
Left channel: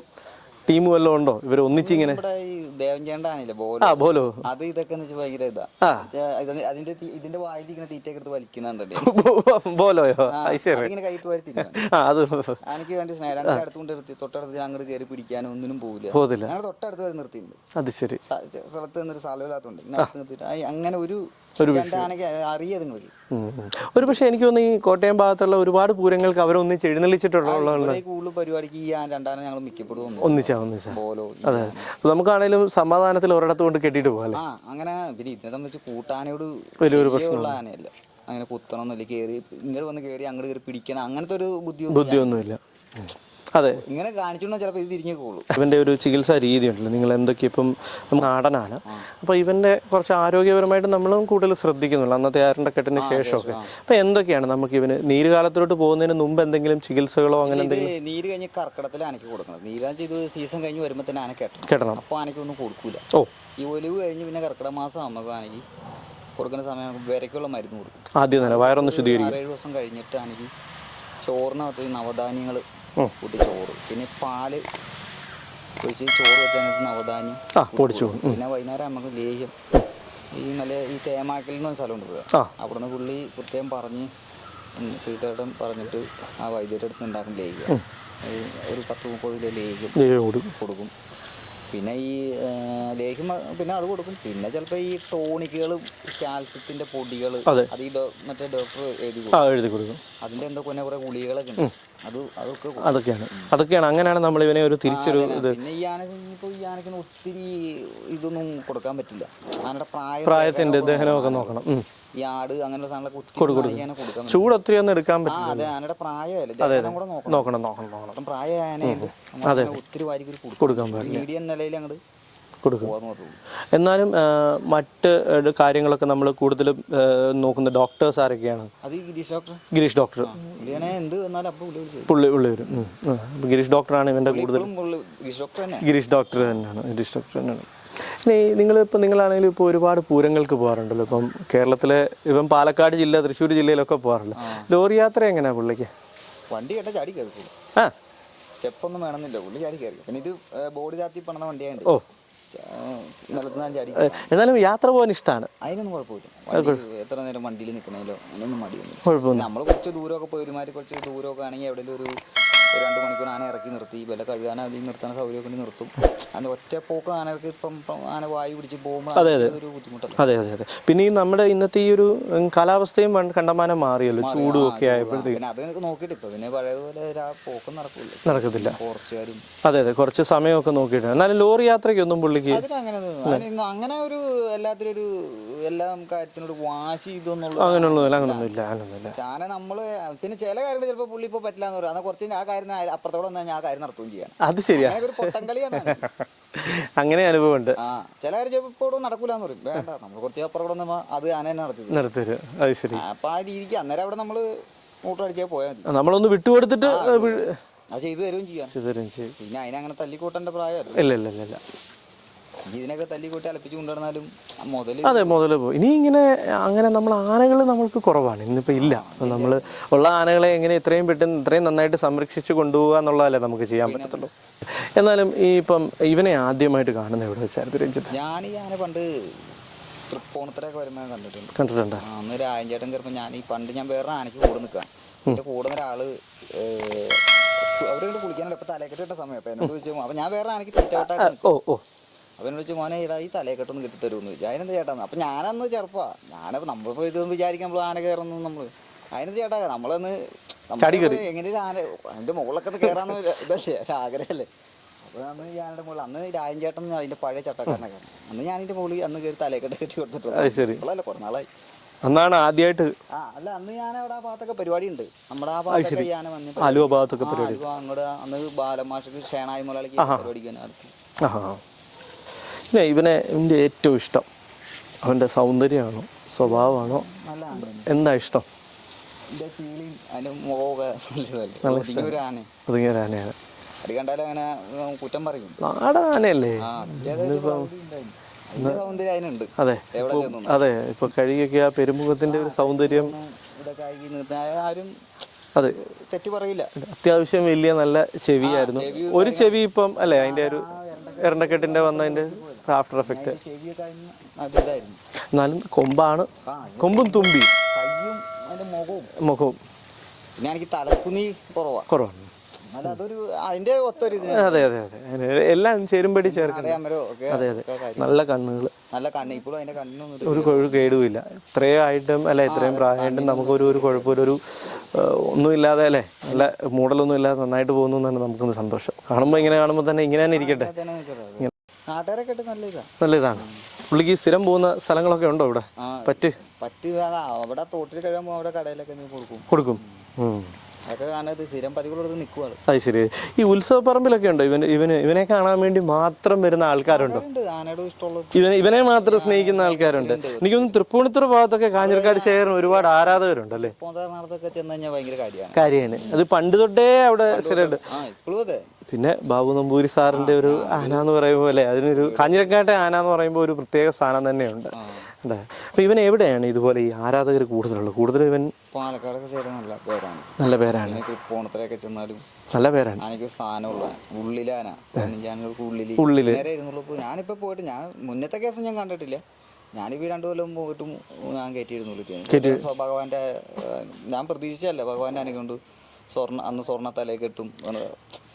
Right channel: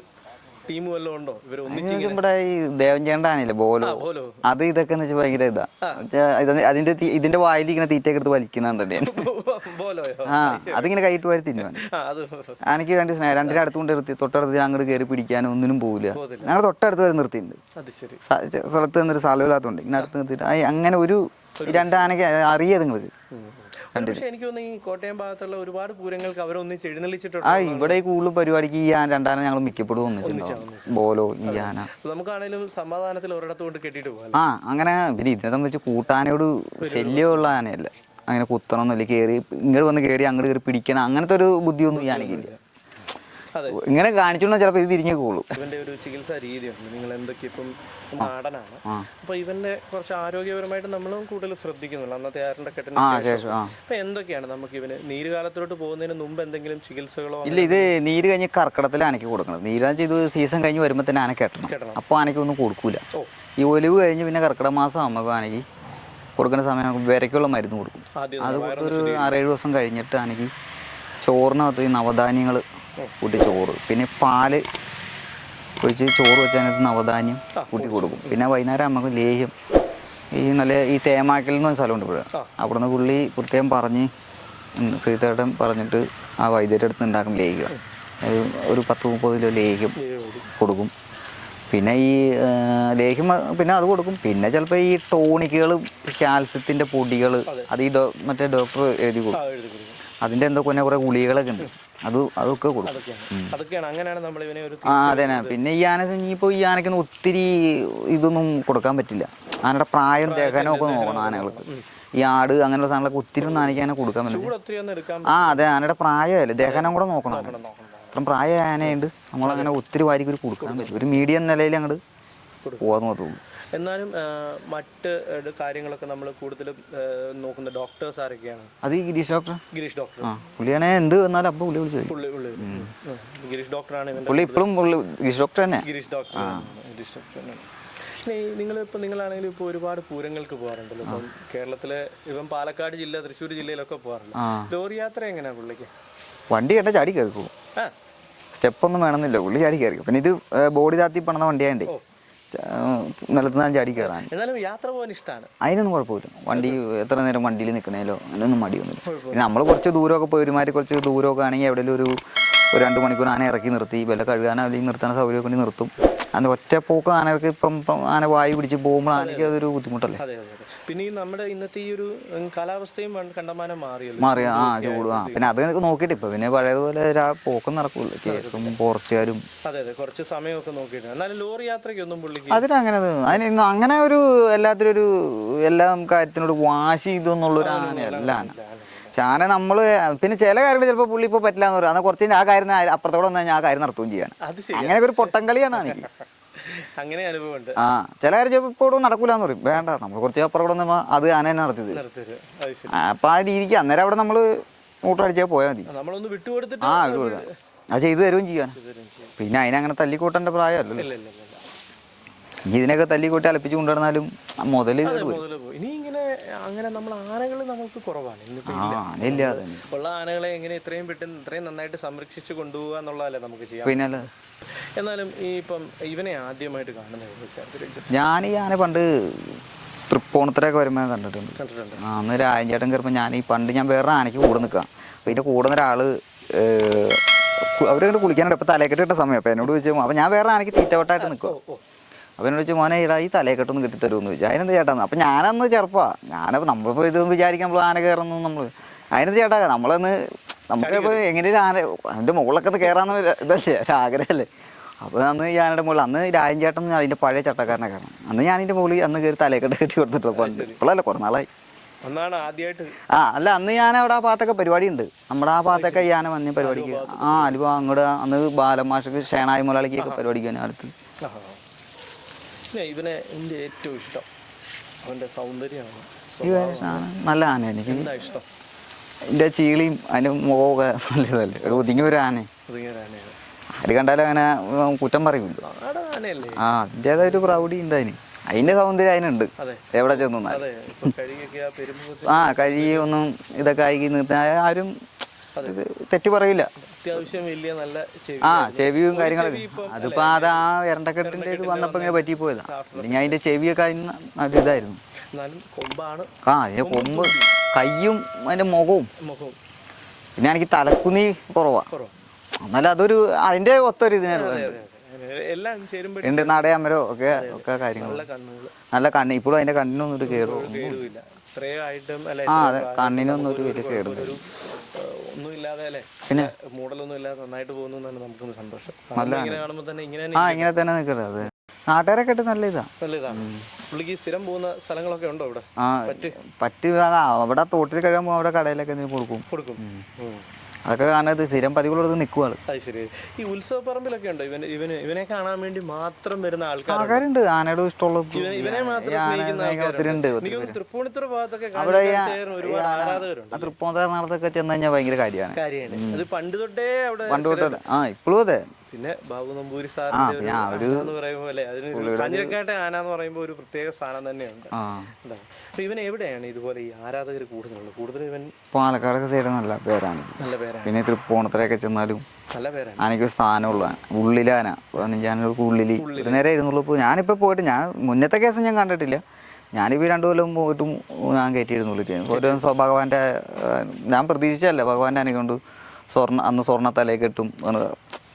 [SPEAKER 1] ടീം വല്ലതും ഉണ്ടോ? ഇവർ ഒന്നിച്ചിങ്ങനെ?
[SPEAKER 2] നമ്മുടെ ഈ ദേവൻ ചേണ്ടാനില്ലേ ബോലോ.
[SPEAKER 1] പോലോ
[SPEAKER 2] അത് ഇതൊക്കെ എന്ന് വെച്ചാൽ ഭയങ്കര ഇതാ. അതിന്റെ ഇതിന്റെ വായിൽ ഇങ്ങനെ തീറ്റയൊക്കെ എടുത്ത് വലിക്കുന്നുണ്ടല്ലേ?
[SPEAKER 1] ബോലോയോ.
[SPEAKER 2] അതിങ്ങനെ കൈയിട്ട് വരെ
[SPEAKER 1] തിന്നു അത്
[SPEAKER 2] എനിക്ക് വേണ്ടി സ്നേഹം രണ്ടിന്റെ അടുത്തുകൊണ്ട് നിർത്തി തൊട്ടടുത്ത് അങ്ങോട്ട് കയറി പിടിക്കാനോ ഒന്നിനും പോകില്ല ഞങ്ങൾ തൊട്ടടുത്ത് വരെ നിർത്തിയിട്ടുണ്ട്.
[SPEAKER 1] അത് ശരി.
[SPEAKER 2] സ്ഥലത്ത് നിന്നൊരു സ്ഥലമില്ലാത്തതുകൊണ്ട് ഇങ്ങനെ അടുത്ത് നിർത്തിയിട്ട്. അങ്ങനെ ഒരു രണ്ടാനൊക്കെ അറിയാതെ നിങ്ങൾക്ക്.
[SPEAKER 1] ഒരു പക്ഷേ എനിക്ക് തോന്നുന്നു ഈ കോട്ടയം ഭാഗത്തുള്ള ഒരുപാട് പൂരങ്ങൾക്ക് അവരൊന്നിച്ച് എഴുന്നള്ളിച്ചിട്ടുണ്ടോ
[SPEAKER 2] ഇവിടെ കൂടുതൽ പരിപാടിക്ക് ഈ ആ രണ്ടാന ഞങ്ങൾ മിക്കപ്പെടും
[SPEAKER 1] ഒന്നിച്ചാ
[SPEAKER 2] ബോലോ ആന.
[SPEAKER 1] നമുക്കാണേലും സമാധാനത്തിൽ ഒരിടത്ത് കൊണ്ട് കെട്ടിട്ട് പോകാം
[SPEAKER 2] ആ അങ്ങനെ പിന്നെ ഇതിനെ സംബന്ധിച്ച് കൂട്ടാനോട് വലിയുള്ള ആനയല്ല. അങ്ങനെ കുത്തണമെന്നില്ല കയറി ഇങ്ങോട്ട് വന്ന് കയറി അങ്ങോട്ട് കയറി പിടിക്കണം അങ്ങനത്തെ ഒരു ബുദ്ധിയൊന്നും.
[SPEAKER 1] ഒന്നുമില്ല അതെ.
[SPEAKER 2] ഇങ്ങനെ കാണിച്ചോണ്ട് ചിലപ്പോൾ ഇത് തിരിഞ്ഞു പോകുള്ളൂ
[SPEAKER 1] ഇവന്റെ ഒരു ചികിത്സാ രീതി ഉണ്ടല്ലോ നിങ്ങൾ എന്തൊക്കെ ഇപ്പം നാടനാണ്. അപ്പൊ ഇവന്റെ കുറച്ച് ആരോഗ്യപരമായിട്ട് നമ്മളും കൂടുതൽ ശ്രദ്ധിക്കുന്നുള്ളൂ. അന്നത്തെ ആരുടെ കെട്ടിന് ശേഷം. അപ്പൊ എന്തൊക്കെയാണ് നമുക്ക് ഇവന് നീരുകാലത്തിലോട്ട് പോകുന്നതിന് മുമ്പ് എന്തെങ്കിലും ചികിത്സകളോ
[SPEAKER 2] അങ്ങനെ ഇത് നീര് കഴിഞ്ഞ് കർക്കിടത്തിൽ ആനയ്ക്ക് കൊടുക്കണം. നീരാഴ്ച ഇത് സീസൺ കഴിഞ്ഞ് വരുമ്പോൾ തന്നെ ആന കെട്ടണം.
[SPEAKER 1] കെട്ടണം.
[SPEAKER 2] അപ്പോൾ ആനയ്ക്ക് ഒന്നും കൊടുക്കൂല.
[SPEAKER 1] ഓ.
[SPEAKER 2] ഈ ഒലിവ് കഴിഞ്ഞ് പിന്നെ കർക്കിടക മാസം ആകുമ്പോൾ ആനയ്ക്ക് കൊടുക്കുന്ന സമയം നമുക്ക് വിരയ്ക്കുള്ള മരുന്ന് കൊടുക്കും.
[SPEAKER 1] ആദ്യം വയറൊന്ന്
[SPEAKER 2] ആറേഴ് ദിവസം കഴിഞ്ഞിട്ട് ആനയ്ക്ക് ചോറിനകത്ത് ഈ നവധാന്യങ്ങൾ കൂട്ടി ചോറ്. പിന്നെ പാൽ ഒഴിച്ച് ചോറ് വെച്ചതിനകത്ത് നവധാന്യം
[SPEAKER 1] ആ,
[SPEAKER 2] കൂട്ടി കൊടുക്കും. പിന്നെ വൈകുന്നേരം നമുക്ക് ലേഹ്യം. ഈ നല്ല ഈ തേമാക്കൽ എന്ന് പറഞ്ഞ സ്ഥലമുണ്ട് ഇവിടെ.
[SPEAKER 1] ആ.
[SPEAKER 2] അവിടുന്ന് പുള്ളി പ്രത്യേകം പറഞ്ഞ് ശ്രീതേട്ടൻ പറഞ്ഞിട്ട് ആ വൈദ്യരുടെ അടുത്ത് ഉണ്ടാക്കും ലേഹ്യം. അത് ഒരു പത്ത് മുപ്പത് കിലോ ലേഹ്യം കൊടുക്കും. പിന്നെ ഈ ലേഹ്യം പിന്നെ അത് കൊടുക്കും. പിന്നെ ചിലപ്പോൾ ഈ ടോണിക്കുകളും കാൽസ്യത്തിന്റെ പൊടികൾ
[SPEAKER 1] അതെ.
[SPEAKER 2] ഈ മറ്റേ ഡോക്ടർ എഴുതി കൊടുക്കും. അതിന്റെ എന്തോ പിന്നെ കുറെ ഗുളികളൊക്കെ ഉണ്ട്. അത് അതൊക്കെ കൊടുക്കും.
[SPEAKER 1] അതൊക്കെയാണ്. അതൊക്കെയാണ്. അങ്ങനെയാണ് നമ്മൾ ഇവനെ ഒരു.
[SPEAKER 2] പിന്നെ ഈ ആനക്ക് ഇനിയിപ്പോ ഈ ആനക്കൊന്നും ഒത്തിരി ഇതൊന്നും കൊടുക്കാൻ പറ്റില്ല. ആനയുടെ പ്രായം. ഈ ആട് അങ്ങനെയുള്ള സാധനങ്ങളൊക്കെ ഒത്തിരി ഒന്നും ആനയ്ക്ക് അങ്ങനെ കൊടുക്കാൻ
[SPEAKER 1] ചൂട് ഒത്തിരി ഒന്നും എടുക്കാൻ
[SPEAKER 2] ആ അതെ ആനയുടെ പ്രായമല്ലേ ദഹനം കൂടെ നോക്കണം.
[SPEAKER 1] നോക്കണം നോക്കണം
[SPEAKER 2] പ്രായ ആനയുണ്ട് നമ്മളങ്ങനെ ഒത്തിരി വാരിക്ക് ഒരു കൊടുക്കണം ഒരു മീഡിയം നിലയിൽ അങ്ങോട്ട്
[SPEAKER 1] കൊടുക്കും. എന്നാലും മറ്റ് കാര്യങ്ങളൊക്കെ നമ്മൾ കൂടുതലും നോക്കുന്ന ഡോക്ടേഴ്സ് ആരൊക്കെയാണ്?
[SPEAKER 2] അത് ഗിരീഷ് ഡോക്ടർ
[SPEAKER 1] ഗിരീഷ് ഡോക്ടർ
[SPEAKER 2] പുള്ളിയാണെ എന്ത് വന്നാലും അപ്പം പുള്ളി വിളിച്ചു
[SPEAKER 1] പുള്ളി പുള്ളി വരും. ഗിരീഷ് ഡോക്ടറാണ് ഇവന്റെ
[SPEAKER 2] ഗിരീഷ് ഡോക്ടർ തന്നെ
[SPEAKER 1] ഗിരീഷ് ഡോക്ടർ തന്നെയാണ്. ഗിരീഷ് ഡോക്ടർ തന്നെയാണ്. ഇനി നിങ്ങളിപ്പോൾ നിങ്ങളാണെങ്കിലും ഇപ്പോൾ ഒരുപാട് പൂരങ്ങൾക്ക് പോകാറുണ്ടല്ലോ. ഇപ്പം കേരളത്തിലെ ഇപ്പം പാലക്കാട് ജില്ല തൃശ്ശൂർ ജില്ലയിലൊക്കെ പോകാറുണ്ട്. ലോറി യാത്ര എങ്ങനെയാണ് പുള്ളിക്ക്?
[SPEAKER 2] വണ്ടി കണ്ട ചാടി കയറി പോകും.
[SPEAKER 1] ആ.
[SPEAKER 2] സ്റ്റെപ്പൊന്നും വേണമെന്നില്ല. പുള്ളി ചാടി കയറി പിന്നെ ഇത് ബോഡി താത്തി പണന്ന വണ്ടിയാണ്ട്
[SPEAKER 1] ഓ.
[SPEAKER 2] നിലത്ത് ഞാൻ ചാടി
[SPEAKER 1] എന്നാലും യാത്ര പോകാൻ ഇഷ്ടമാണ്
[SPEAKER 2] അതിനൊന്നും കുഴപ്പമില്ല. വണ്ടി എത്ര നേരം വണ്ടിയിൽ നിൽക്കണേലോ അതിനൊന്നും
[SPEAKER 1] മടിയൊന്നും
[SPEAKER 2] നമ്മൾ കുറച്ച് ദൂരമൊക്കെ പോയി ഒരുമാതിരി കുറച്ച് ദൂരമൊക്കെ ആണെങ്കിൽ എവിടെയെങ്കിലും ഒരു ഒരു രണ്ട് മണിക്കൂർ ആന ഇറക്കി നിർത്തി. വല്ല കഴുകാനോ അല്ലെങ്കിൽ നിർത്താൻ സൗകര്യം കൊണ്ട് നിർത്തും. അത് ഒറ്റ പോക്ക് ആനകൾക്ക് ഇപ്പം ആന വായു പിടിച്ച് പോകുമ്പോൾ അതൊരു ബുദ്ധിമുട്ടല്ലേ?
[SPEAKER 1] അതെ അതെ അതെ. പിന്നെ ഈ നമ്മുടെ ഇന്നത്തെ ഈ ഒരു കാലാവസ്ഥയും കണ്ടമാനം മാറിയല്ലോ.
[SPEAKER 2] പിന്നെ അത് നോക്കിയിട്ട് ഇപ്പൊ പിന്നെ പഴയതുപോലെ പോക്കും നടക്കൂല. ഫോറസ്റ്റുകാരും
[SPEAKER 1] അതെ അതെ. കുറച്ച് സമയമൊക്കെ നോക്കിയിട്ട് എന്നാലും ലോറി യാത്രയ്ക്ക് ഒന്നും പുള്ളിക്ക്
[SPEAKER 2] അതിനങ്ങനെ അതിന് അങ്ങനെ ഒരു എല്ലാത്തിനും ഒരു എല്ലാ കാര്യത്തിനോട് വാശി
[SPEAKER 1] ചെയ്തു എന്നുള്ള
[SPEAKER 2] ചാന നമ്മൾ പിന്നെ ചില കാര്യങ്ങൾ ചിലപ്പോൾ പുള്ളി ഇപ്പൊ പറ്റില്ല എന്ന് പറയാം. എന്നാൽ കുറച്ച് ആ കാര്യം അപ്പുറത്തോടെ വന്നാൽ ഞാൻ ആ കാര്യം നടത്തുകയും ചെയ്യാണ്
[SPEAKER 1] അത് ശരി
[SPEAKER 2] അങ്ങനെ ഒരു പൊട്ടം കളിയാണ് എനിക്ക്.
[SPEAKER 1] അങ്ങനെ അനുഭവമുണ്ട്
[SPEAKER 2] ആ ചില കാര്യം ചിലപ്പോൾ നടക്കൂല എന്ന് പറയും. വേണ്ട നമ്മൾ കുറച്ച് അപ്പുറത്തോടെ വന്നാൽ അത് ആന തന്നെ
[SPEAKER 1] നടത്തി
[SPEAKER 2] ആ, അപ്പൊ ആ രീതിക്ക് അന്നേരം അവിടെ നമ്മൾ മൂട്ടടിച്ചാൽ പോയാൽ മതി.
[SPEAKER 1] നമ്മളൊന്ന് വിട്ടുകൊടുത്തിട്ട്
[SPEAKER 2] അത് ചെയ്തു തരുകയും ചെയ്യാൻ.
[SPEAKER 1] ചെയ്യും.
[SPEAKER 2] പിന്നെ അതിനങ്ങനെ തല്ലിക്കൂട്ടേണ്ട പ്രായമല്ലോ
[SPEAKER 1] ഇല്ല ഇല്ല ഇല്ല.
[SPEAKER 2] ഇതിനൊക്കെ തല്ലിക്കൂട്ടി അലപ്പിച്ച് കൊണ്ടുവന്നാലും മുതൽ
[SPEAKER 1] അതെ മുതൽ പോകും ഇനി ഇങ്ങനെ അങ്ങനെ നമ്മൾ ആനകൾ നമ്മൾക്ക് കുറവാണ്. ഇന്നിപ്പോ ഇല്ല. നമ്മൾ ഉള്ള ആനകളെ എങ്ങനെ ഇത്രയും പെട്ടെന്ന് ഇത്രയും നന്നായിട്ട് സംരക്ഷിച്ച് കൊണ്ടുപോകുക എന്നുള്ളതല്ലേ നമുക്ക് ചെയ്യാൻ പറ്റുള്ളൂ എന്നാലും ഈ ഇപ്പം ഇവനെ ആദ്യമായിട്ട് കാണുന്ന എവിടെ വെച്ചായിരുന്നു രഞ്ജിത്ത്
[SPEAKER 2] ഞാൻ ഈ ആന പണ്ട് തൃപ്പൂണിത്തരൊക്കെ വരുമ്പോൾ കണ്ടിട്ടുണ്ട്.
[SPEAKER 1] കണ്ടിട്ടുണ്ട്.
[SPEAKER 2] അന്ന് രാജഞ്ചേട്ടൻ കയറുമ്പോൾ ഞാൻ ഈ പണ്ട് ഞാൻ വേറെ ആനയ്ക്ക് കൂടെ നിൽക്കാം അതിന്റെ കൂടെ ഒരാൾ അവരോട് കുളിക്കാനുണ്ട് ഇപ്പൊ തലക്കെട്ട് ഇട്ട സമയം. അപ്പൊ എന്നോട് ചോദിച്ചു അപ്പൊ ഞാൻ വേറെ ആനയ്ക്ക് തീറ്റവട്ടായിട്ട് നിൽക്കും
[SPEAKER 1] ഓ ഓ.
[SPEAKER 2] അപ്പൊ എന്നോട് ചോദിച്ചു മോനെ ഇതാ ഈ തലക്കെട്ടൊന്ന് കിട്ടി തരുമെന്ന് ചോദിച്ചു. അതിനെന്ത് ചേട്ടാന്ന് അപ്പൊ ഞാനന്ന് ചെറുപ്പാ. ഞാനപ്പോ നമ്മളിപ്പോൾ ഇതൊന്നും വിചാരിക്കാൻ നമ്മൾ ആന കയറുന്നു നമ്മൾ. അതിനെന്ത് ചേട്ടാ? നമ്മളന്ന് നമ്മളിപ്പോ എങ്ങനെയൊരു ആന അതിന്റെ മുകളിലൊക്കെ കയറാന്ന് ഇതല്ലേ ആഗ്രഹമല്ലേ അപ്പൊ അന്ന് ഈ ആനയുടെ മുകളിൽ അന്ന് രാജൻചേട്ടൻ അതിന്റെ പഴയ ചട്ടക്കാരനെ കാരണം അന്ന് ഞാൻ മുകളിൽ അന്ന് കയറി തലയെക്കെട്ട് കെട്ടി കൊടുത്തിട്ടുണ്ട് ഇപ്പോഴല്ലേ കുറേ നാളായി.
[SPEAKER 1] അന്നാണ് ആദ്യമായിട്ട്
[SPEAKER 2] ആ അല്ല അന്ന് ഞാൻ അവിടെ ആ ഭാഗത്തൊക്കെ പരിപാടി ഉണ്ട് നമ്മുടെ ആ ഭാഗത്തൊക്കെ ഞാൻ വന്ന
[SPEAKER 1] ഭാഗത്തൊക്കെ
[SPEAKER 2] ആ അനുഭവം അങ്ങോട്ട് അന്ന് ബാലമാഷക്ക് ഷേണായ മുതലാളിക്ക് പരിപാടിക്ക് ഞാൻ
[SPEAKER 1] ആഹാ. ഇല്ല ഇവനെ എന്റെ ഏറ്റവും ഇഷ്ടം. അവന്റെ സൗന്ദര്യമാണ് സ്വഭാവമാണ്.
[SPEAKER 2] നല്ല ആന
[SPEAKER 1] എന്താ ഇഷ്ടം?
[SPEAKER 2] എന്റെ ചീളിയും അതിന്റെ മുഖമൊക്കെ നല്ലതല്ലേ ഒതുങ്ങിയ ഒരു ആന
[SPEAKER 1] ഒതുങ്ങിയ ഒരു ആനയാണ്.
[SPEAKER 2] അത് കണ്ടാലും അങ്ങനെ കുറ്റം പറയും.
[SPEAKER 1] നാടൻ ആനയല്ലേ?
[SPEAKER 2] ആ അതിന്റെതായ ഒരു പ്രൗഢി ഉണ്ട് അതിന്. അതിന്റെ സൗന്ദര്യം അതിനുണ്ട്.
[SPEAKER 1] അതെ.
[SPEAKER 2] എവിടെ ചെന്നു
[SPEAKER 1] അതെ ഇപ്പൊ കഴുകിയൊക്കെ ആ പെരുമുഖത്തിന്
[SPEAKER 2] ആ കഴുകിയൊന്നും ഇതൊക്കെ ആയി നിർത്താൻ ആരും
[SPEAKER 1] അതെ
[SPEAKER 2] തെറ്റി പറയില്ല.
[SPEAKER 1] അത്യാവശ്യം വലിയ നല്ല ചെവിയായിരുന്നു. ഒരു ചെവി ഇപ്പം വന്നതിന്റെ
[SPEAKER 2] പറ്റിപ്പോയതാ. ഞാൻ അതിന്റെ ചെവിയൊക്കെ ഇതായിരുന്നു.
[SPEAKER 1] എന്നാലും കൊമ്പാണ്. കൊമ്പും തുമ്പി.
[SPEAKER 2] കയ്യും അതിന്റെ മുഖവും.
[SPEAKER 1] മുഖവും.
[SPEAKER 2] പിന്നെ എനിക്ക് തലക്കുനി കുറവാ.
[SPEAKER 1] കുറവാണ്.
[SPEAKER 2] എന്നാലും അതൊരു അതിന്റെ ഒത്തൊരു
[SPEAKER 1] അതെ അതെ അതെ. എല്ലാം
[SPEAKER 2] ഇതിന്റെ നടയാമരോ ഒക്കെ
[SPEAKER 1] നല്ല കണ്ണുകൾ
[SPEAKER 2] നല്ല കണ്ണ്. ഇപ്പോഴും അതിന്റെ കണ്ണിനൊന്നും ഒരു
[SPEAKER 1] കേടുമില്ല. ഇത്രയും ആയിട്ടും അല്ലെ ഇത്രയും പ്രായമായിട്ടും നമുക്ക് ഒരു കുഴപ്പമില്ല. ഒരു ഏഹ്, ഒന്നുമില്ലാതെ അല്ലേ നല്ല മൂടലൊന്നും ഇല്ലാതെ നന്നായിട്ട് പോകുന്നു തന്നെ നമുക്കൊന്ന് സന്തോഷം. കാണുമ്പോൾ ഇങ്ങനെ കാണുമ്പോൾ തന്നെ ഇങ്ങനെ തന്നെ
[SPEAKER 2] നിൽക്കുന്നത് നാട്ടുകാരൊക്കെ നല്ല ഇതാണ്
[SPEAKER 1] നല്ല ഇതാണ് പുള്ളിക്ക് സ്ഥിരം പോകുന്ന സ്ഥലങ്ങളൊക്കെ ഉണ്ടോ ഇവിടെ? പറ്റ്?
[SPEAKER 2] പറ്റ് അവിടെ തോട്ടിൽ കഴിയുമ്പോൾ അവിടെ കടയിലൊക്കെ കൊടുക്കും.
[SPEAKER 1] കൊടുക്കും.
[SPEAKER 2] അതൊക്കെ കാണാൻ സ്ഥിരം പതിവുള്ളത് നിൽക്കുവാണ്.
[SPEAKER 1] അത് ശരി. ഈ ഉത്സവ പറമ്പിലൊക്കെ ഉണ്ടോ? ഇവന് ഇവന് ഇവനെ കാണാൻ വേണ്ടി മാത്രം വരുന്ന ആൾക്കാരുണ്ട്?
[SPEAKER 2] ആൾക്കാരുണ്ട്. ആനയുടെ ഇഷ്ടമുള്ള
[SPEAKER 1] ഇവനെ ഇവനെ മാത്രം സ്നേഹിക്കുന്ന ആൾക്കാരുണ്ട്. എനിക്കൊന്ന് തൃപ്പൂണിത്തുറ ഭാഗത്തൊക്കെ കാഞ്ഞിരക്കാട് ശേഖരം ഒരുപാട് ആരാധകരുണ്ട്
[SPEAKER 2] പോന്നേറണത്തൊക്കെ ചെന്ന് കഴിഞ്ഞാൽ ഭയങ്കര കാര്യമാണ്.
[SPEAKER 1] കാര്യമാണ്. അത് പണ്ട് തൊട്ടേ അവിടെ
[SPEAKER 2] ആ ഇപ്പോഴും അതെ.
[SPEAKER 1] പിന്നെ ബാബു നമ്പൂരി സാറിന്റെ ഒരു ആന എന്ന് പറയുമ്പോൾ അല്ലെ അതിനൊരു കാഞ്ഞിരക്കാട്ടെ ആന എന്ന് പറയുമ്പോൾ ഒരു പ്രത്യേക സ്ഥാനം തന്നെയുണ്ട്. അപ്പൊ ഇവൻ എവിടെയാണ് ഇതുപോലെ ഈ ആരാധകർ കൂടുതലുള്ളത്? കൂടുതലും ഇവൻ
[SPEAKER 2] പാലക്കാടൊക്കെ സൈഡ് നല്ല പേരാണ്.
[SPEAKER 1] നല്ല പേരാണ്.
[SPEAKER 2] പിന്നെ തൃപ്പൂണത്തിലൊക്കെ ചെന്നാലും
[SPEAKER 1] നല്ല പേരാണ്.
[SPEAKER 2] ആനയ്ക്ക് സ്ഥാനമുള്ള ഉള്ളിലാന പതിനഞ്ചാനകൾക്ക് ഉള്ളിൽ നേരെ ഇരുന്നുള്ളൂ ഞാനിപ്പോ പോയിട്ട് ഞാൻ മുന്നത്തെ കേസം ഞാൻ കണ്ടിട്ടില്ല. ഞാനിപ്പോ രണ്ടു കൊല്ലം പോയിട്ടും ഞാൻ കയറ്റിയിരുന്നുള്ളൂ ഭഗവാന്റെ ഞാൻ പ്രതീക്ഷിച്ചല്ല ഭഗവാന്റെ ആനയെ കൊണ്ട് സ്വർണ അന്ന് സ്വർണ തല കിട്ടും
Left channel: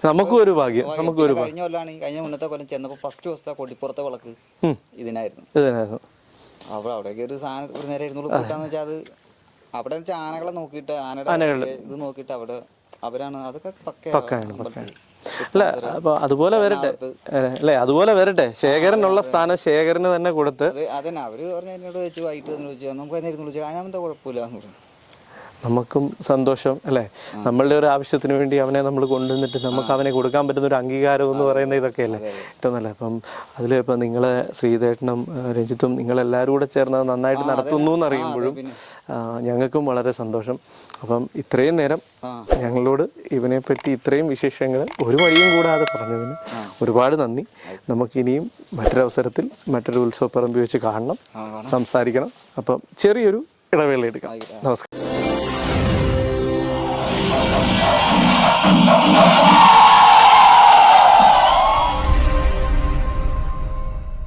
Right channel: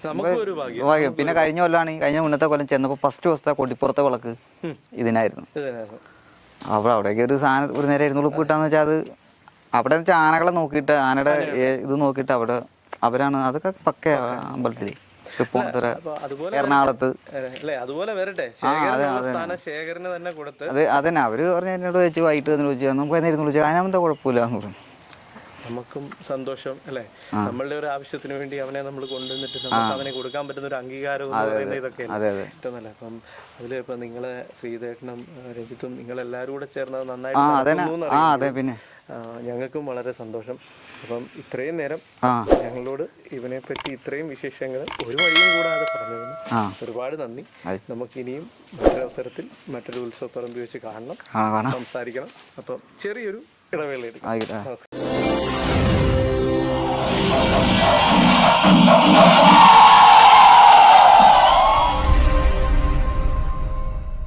[SPEAKER 1] നമുക്ക് ഒരു ഭാഗ്യം.
[SPEAKER 2] പിന്നെ കഴിഞ്ഞ കൊല്ലാണ് കഴിഞ്ഞ മുന്നത്തെ കൊല്ലം ചെന്നപ്പോൾ ഫസ്റ്റ് ദിവസത്തെ കൊടിപ്പുറത്തെ വിളക്ക് ഇതിനായിരുന്നു.
[SPEAKER 1] അപ്പൊ
[SPEAKER 2] അപ്പോൾ അവിടേക്ക് ഒരു സാധനം ഒരു നേരം ഇരുന്നു കിട്ടാന്ന് വെച്ചാൽ അത് അവിടെ വെച്ചാൽ ആനകളെ നോക്കിയിട്ട് ആനയുടെ ഇത് നോക്കിയിട്ട് അവിടെ അവരാണ് അതൊക്കെ പക്ക അമ്പലത്തിൽ
[SPEAKER 1] അതുപോലെ അല്ലേ അതുപോലെ വരട്ടെ. ശേഖരനുള്ള സ്ഥാനം ശേഖരന് തന്നെ കൊടുത്ത്.
[SPEAKER 2] അതന്നെ അവർ പറഞ്ഞു എന്നോട് വെച്ച് വൈകിട്ട് വന്ന് വിളിച്ചു നമുക്ക് എന്നായിരുന്നു വിളിച്ചു അതിനെന്താ കുഴപ്പമില്ല
[SPEAKER 1] നമുക്കും സന്തോഷം അല്ലേ? നമ്മളുടെ ഒരു ആവശ്യത്തിന് വേണ്ടി അവനെ നമ്മൾ കൊണ്ടുവന്നിട്ട് നമുക്ക് അവനെ കൊടുക്കാൻ പറ്റുന്ന ഒരു അംഗീകാരം എന്ന് പറയുന്ന ഇതൊക്കെ അല്ലേ ഏറ്റവും നല്ല അപ്പം അതിൽ ഇപ്പം നിങ്ങളെ ശ്രീധേട്ടനും ഏഹ് രഞ്ജിത്തും നിങ്ങളെല്ലാവരും കൂടെ ചേർന്ന് നന്നായിട്ട് നടത്തുന്നു
[SPEAKER 2] പിന്നെ.
[SPEAKER 1] ഞങ്ങൾക്കും വളരെ സന്തോഷം. അപ്പം ഇത്രയും നേരം ഞങ്ങളോട് ഇവനെ പറ്റി ഇത്രയും വിശേഷങ്ങൾ ഒരു വഴിയും കൂടാതെ പറഞ്ഞതിന് ഒരുപാട് നന്ദി. നമുക്കിനിയും മറ്റൊരവസരത്തിൽ മറ്റൊരു ഉത്സവപ്പറമ്പ് വെച്ച് കാണണം സംസാരിക്കണം. അപ്പം ചെറിയൊരു ഇടവേള എടുക്കാം. നമസ്കാരം. Thank you.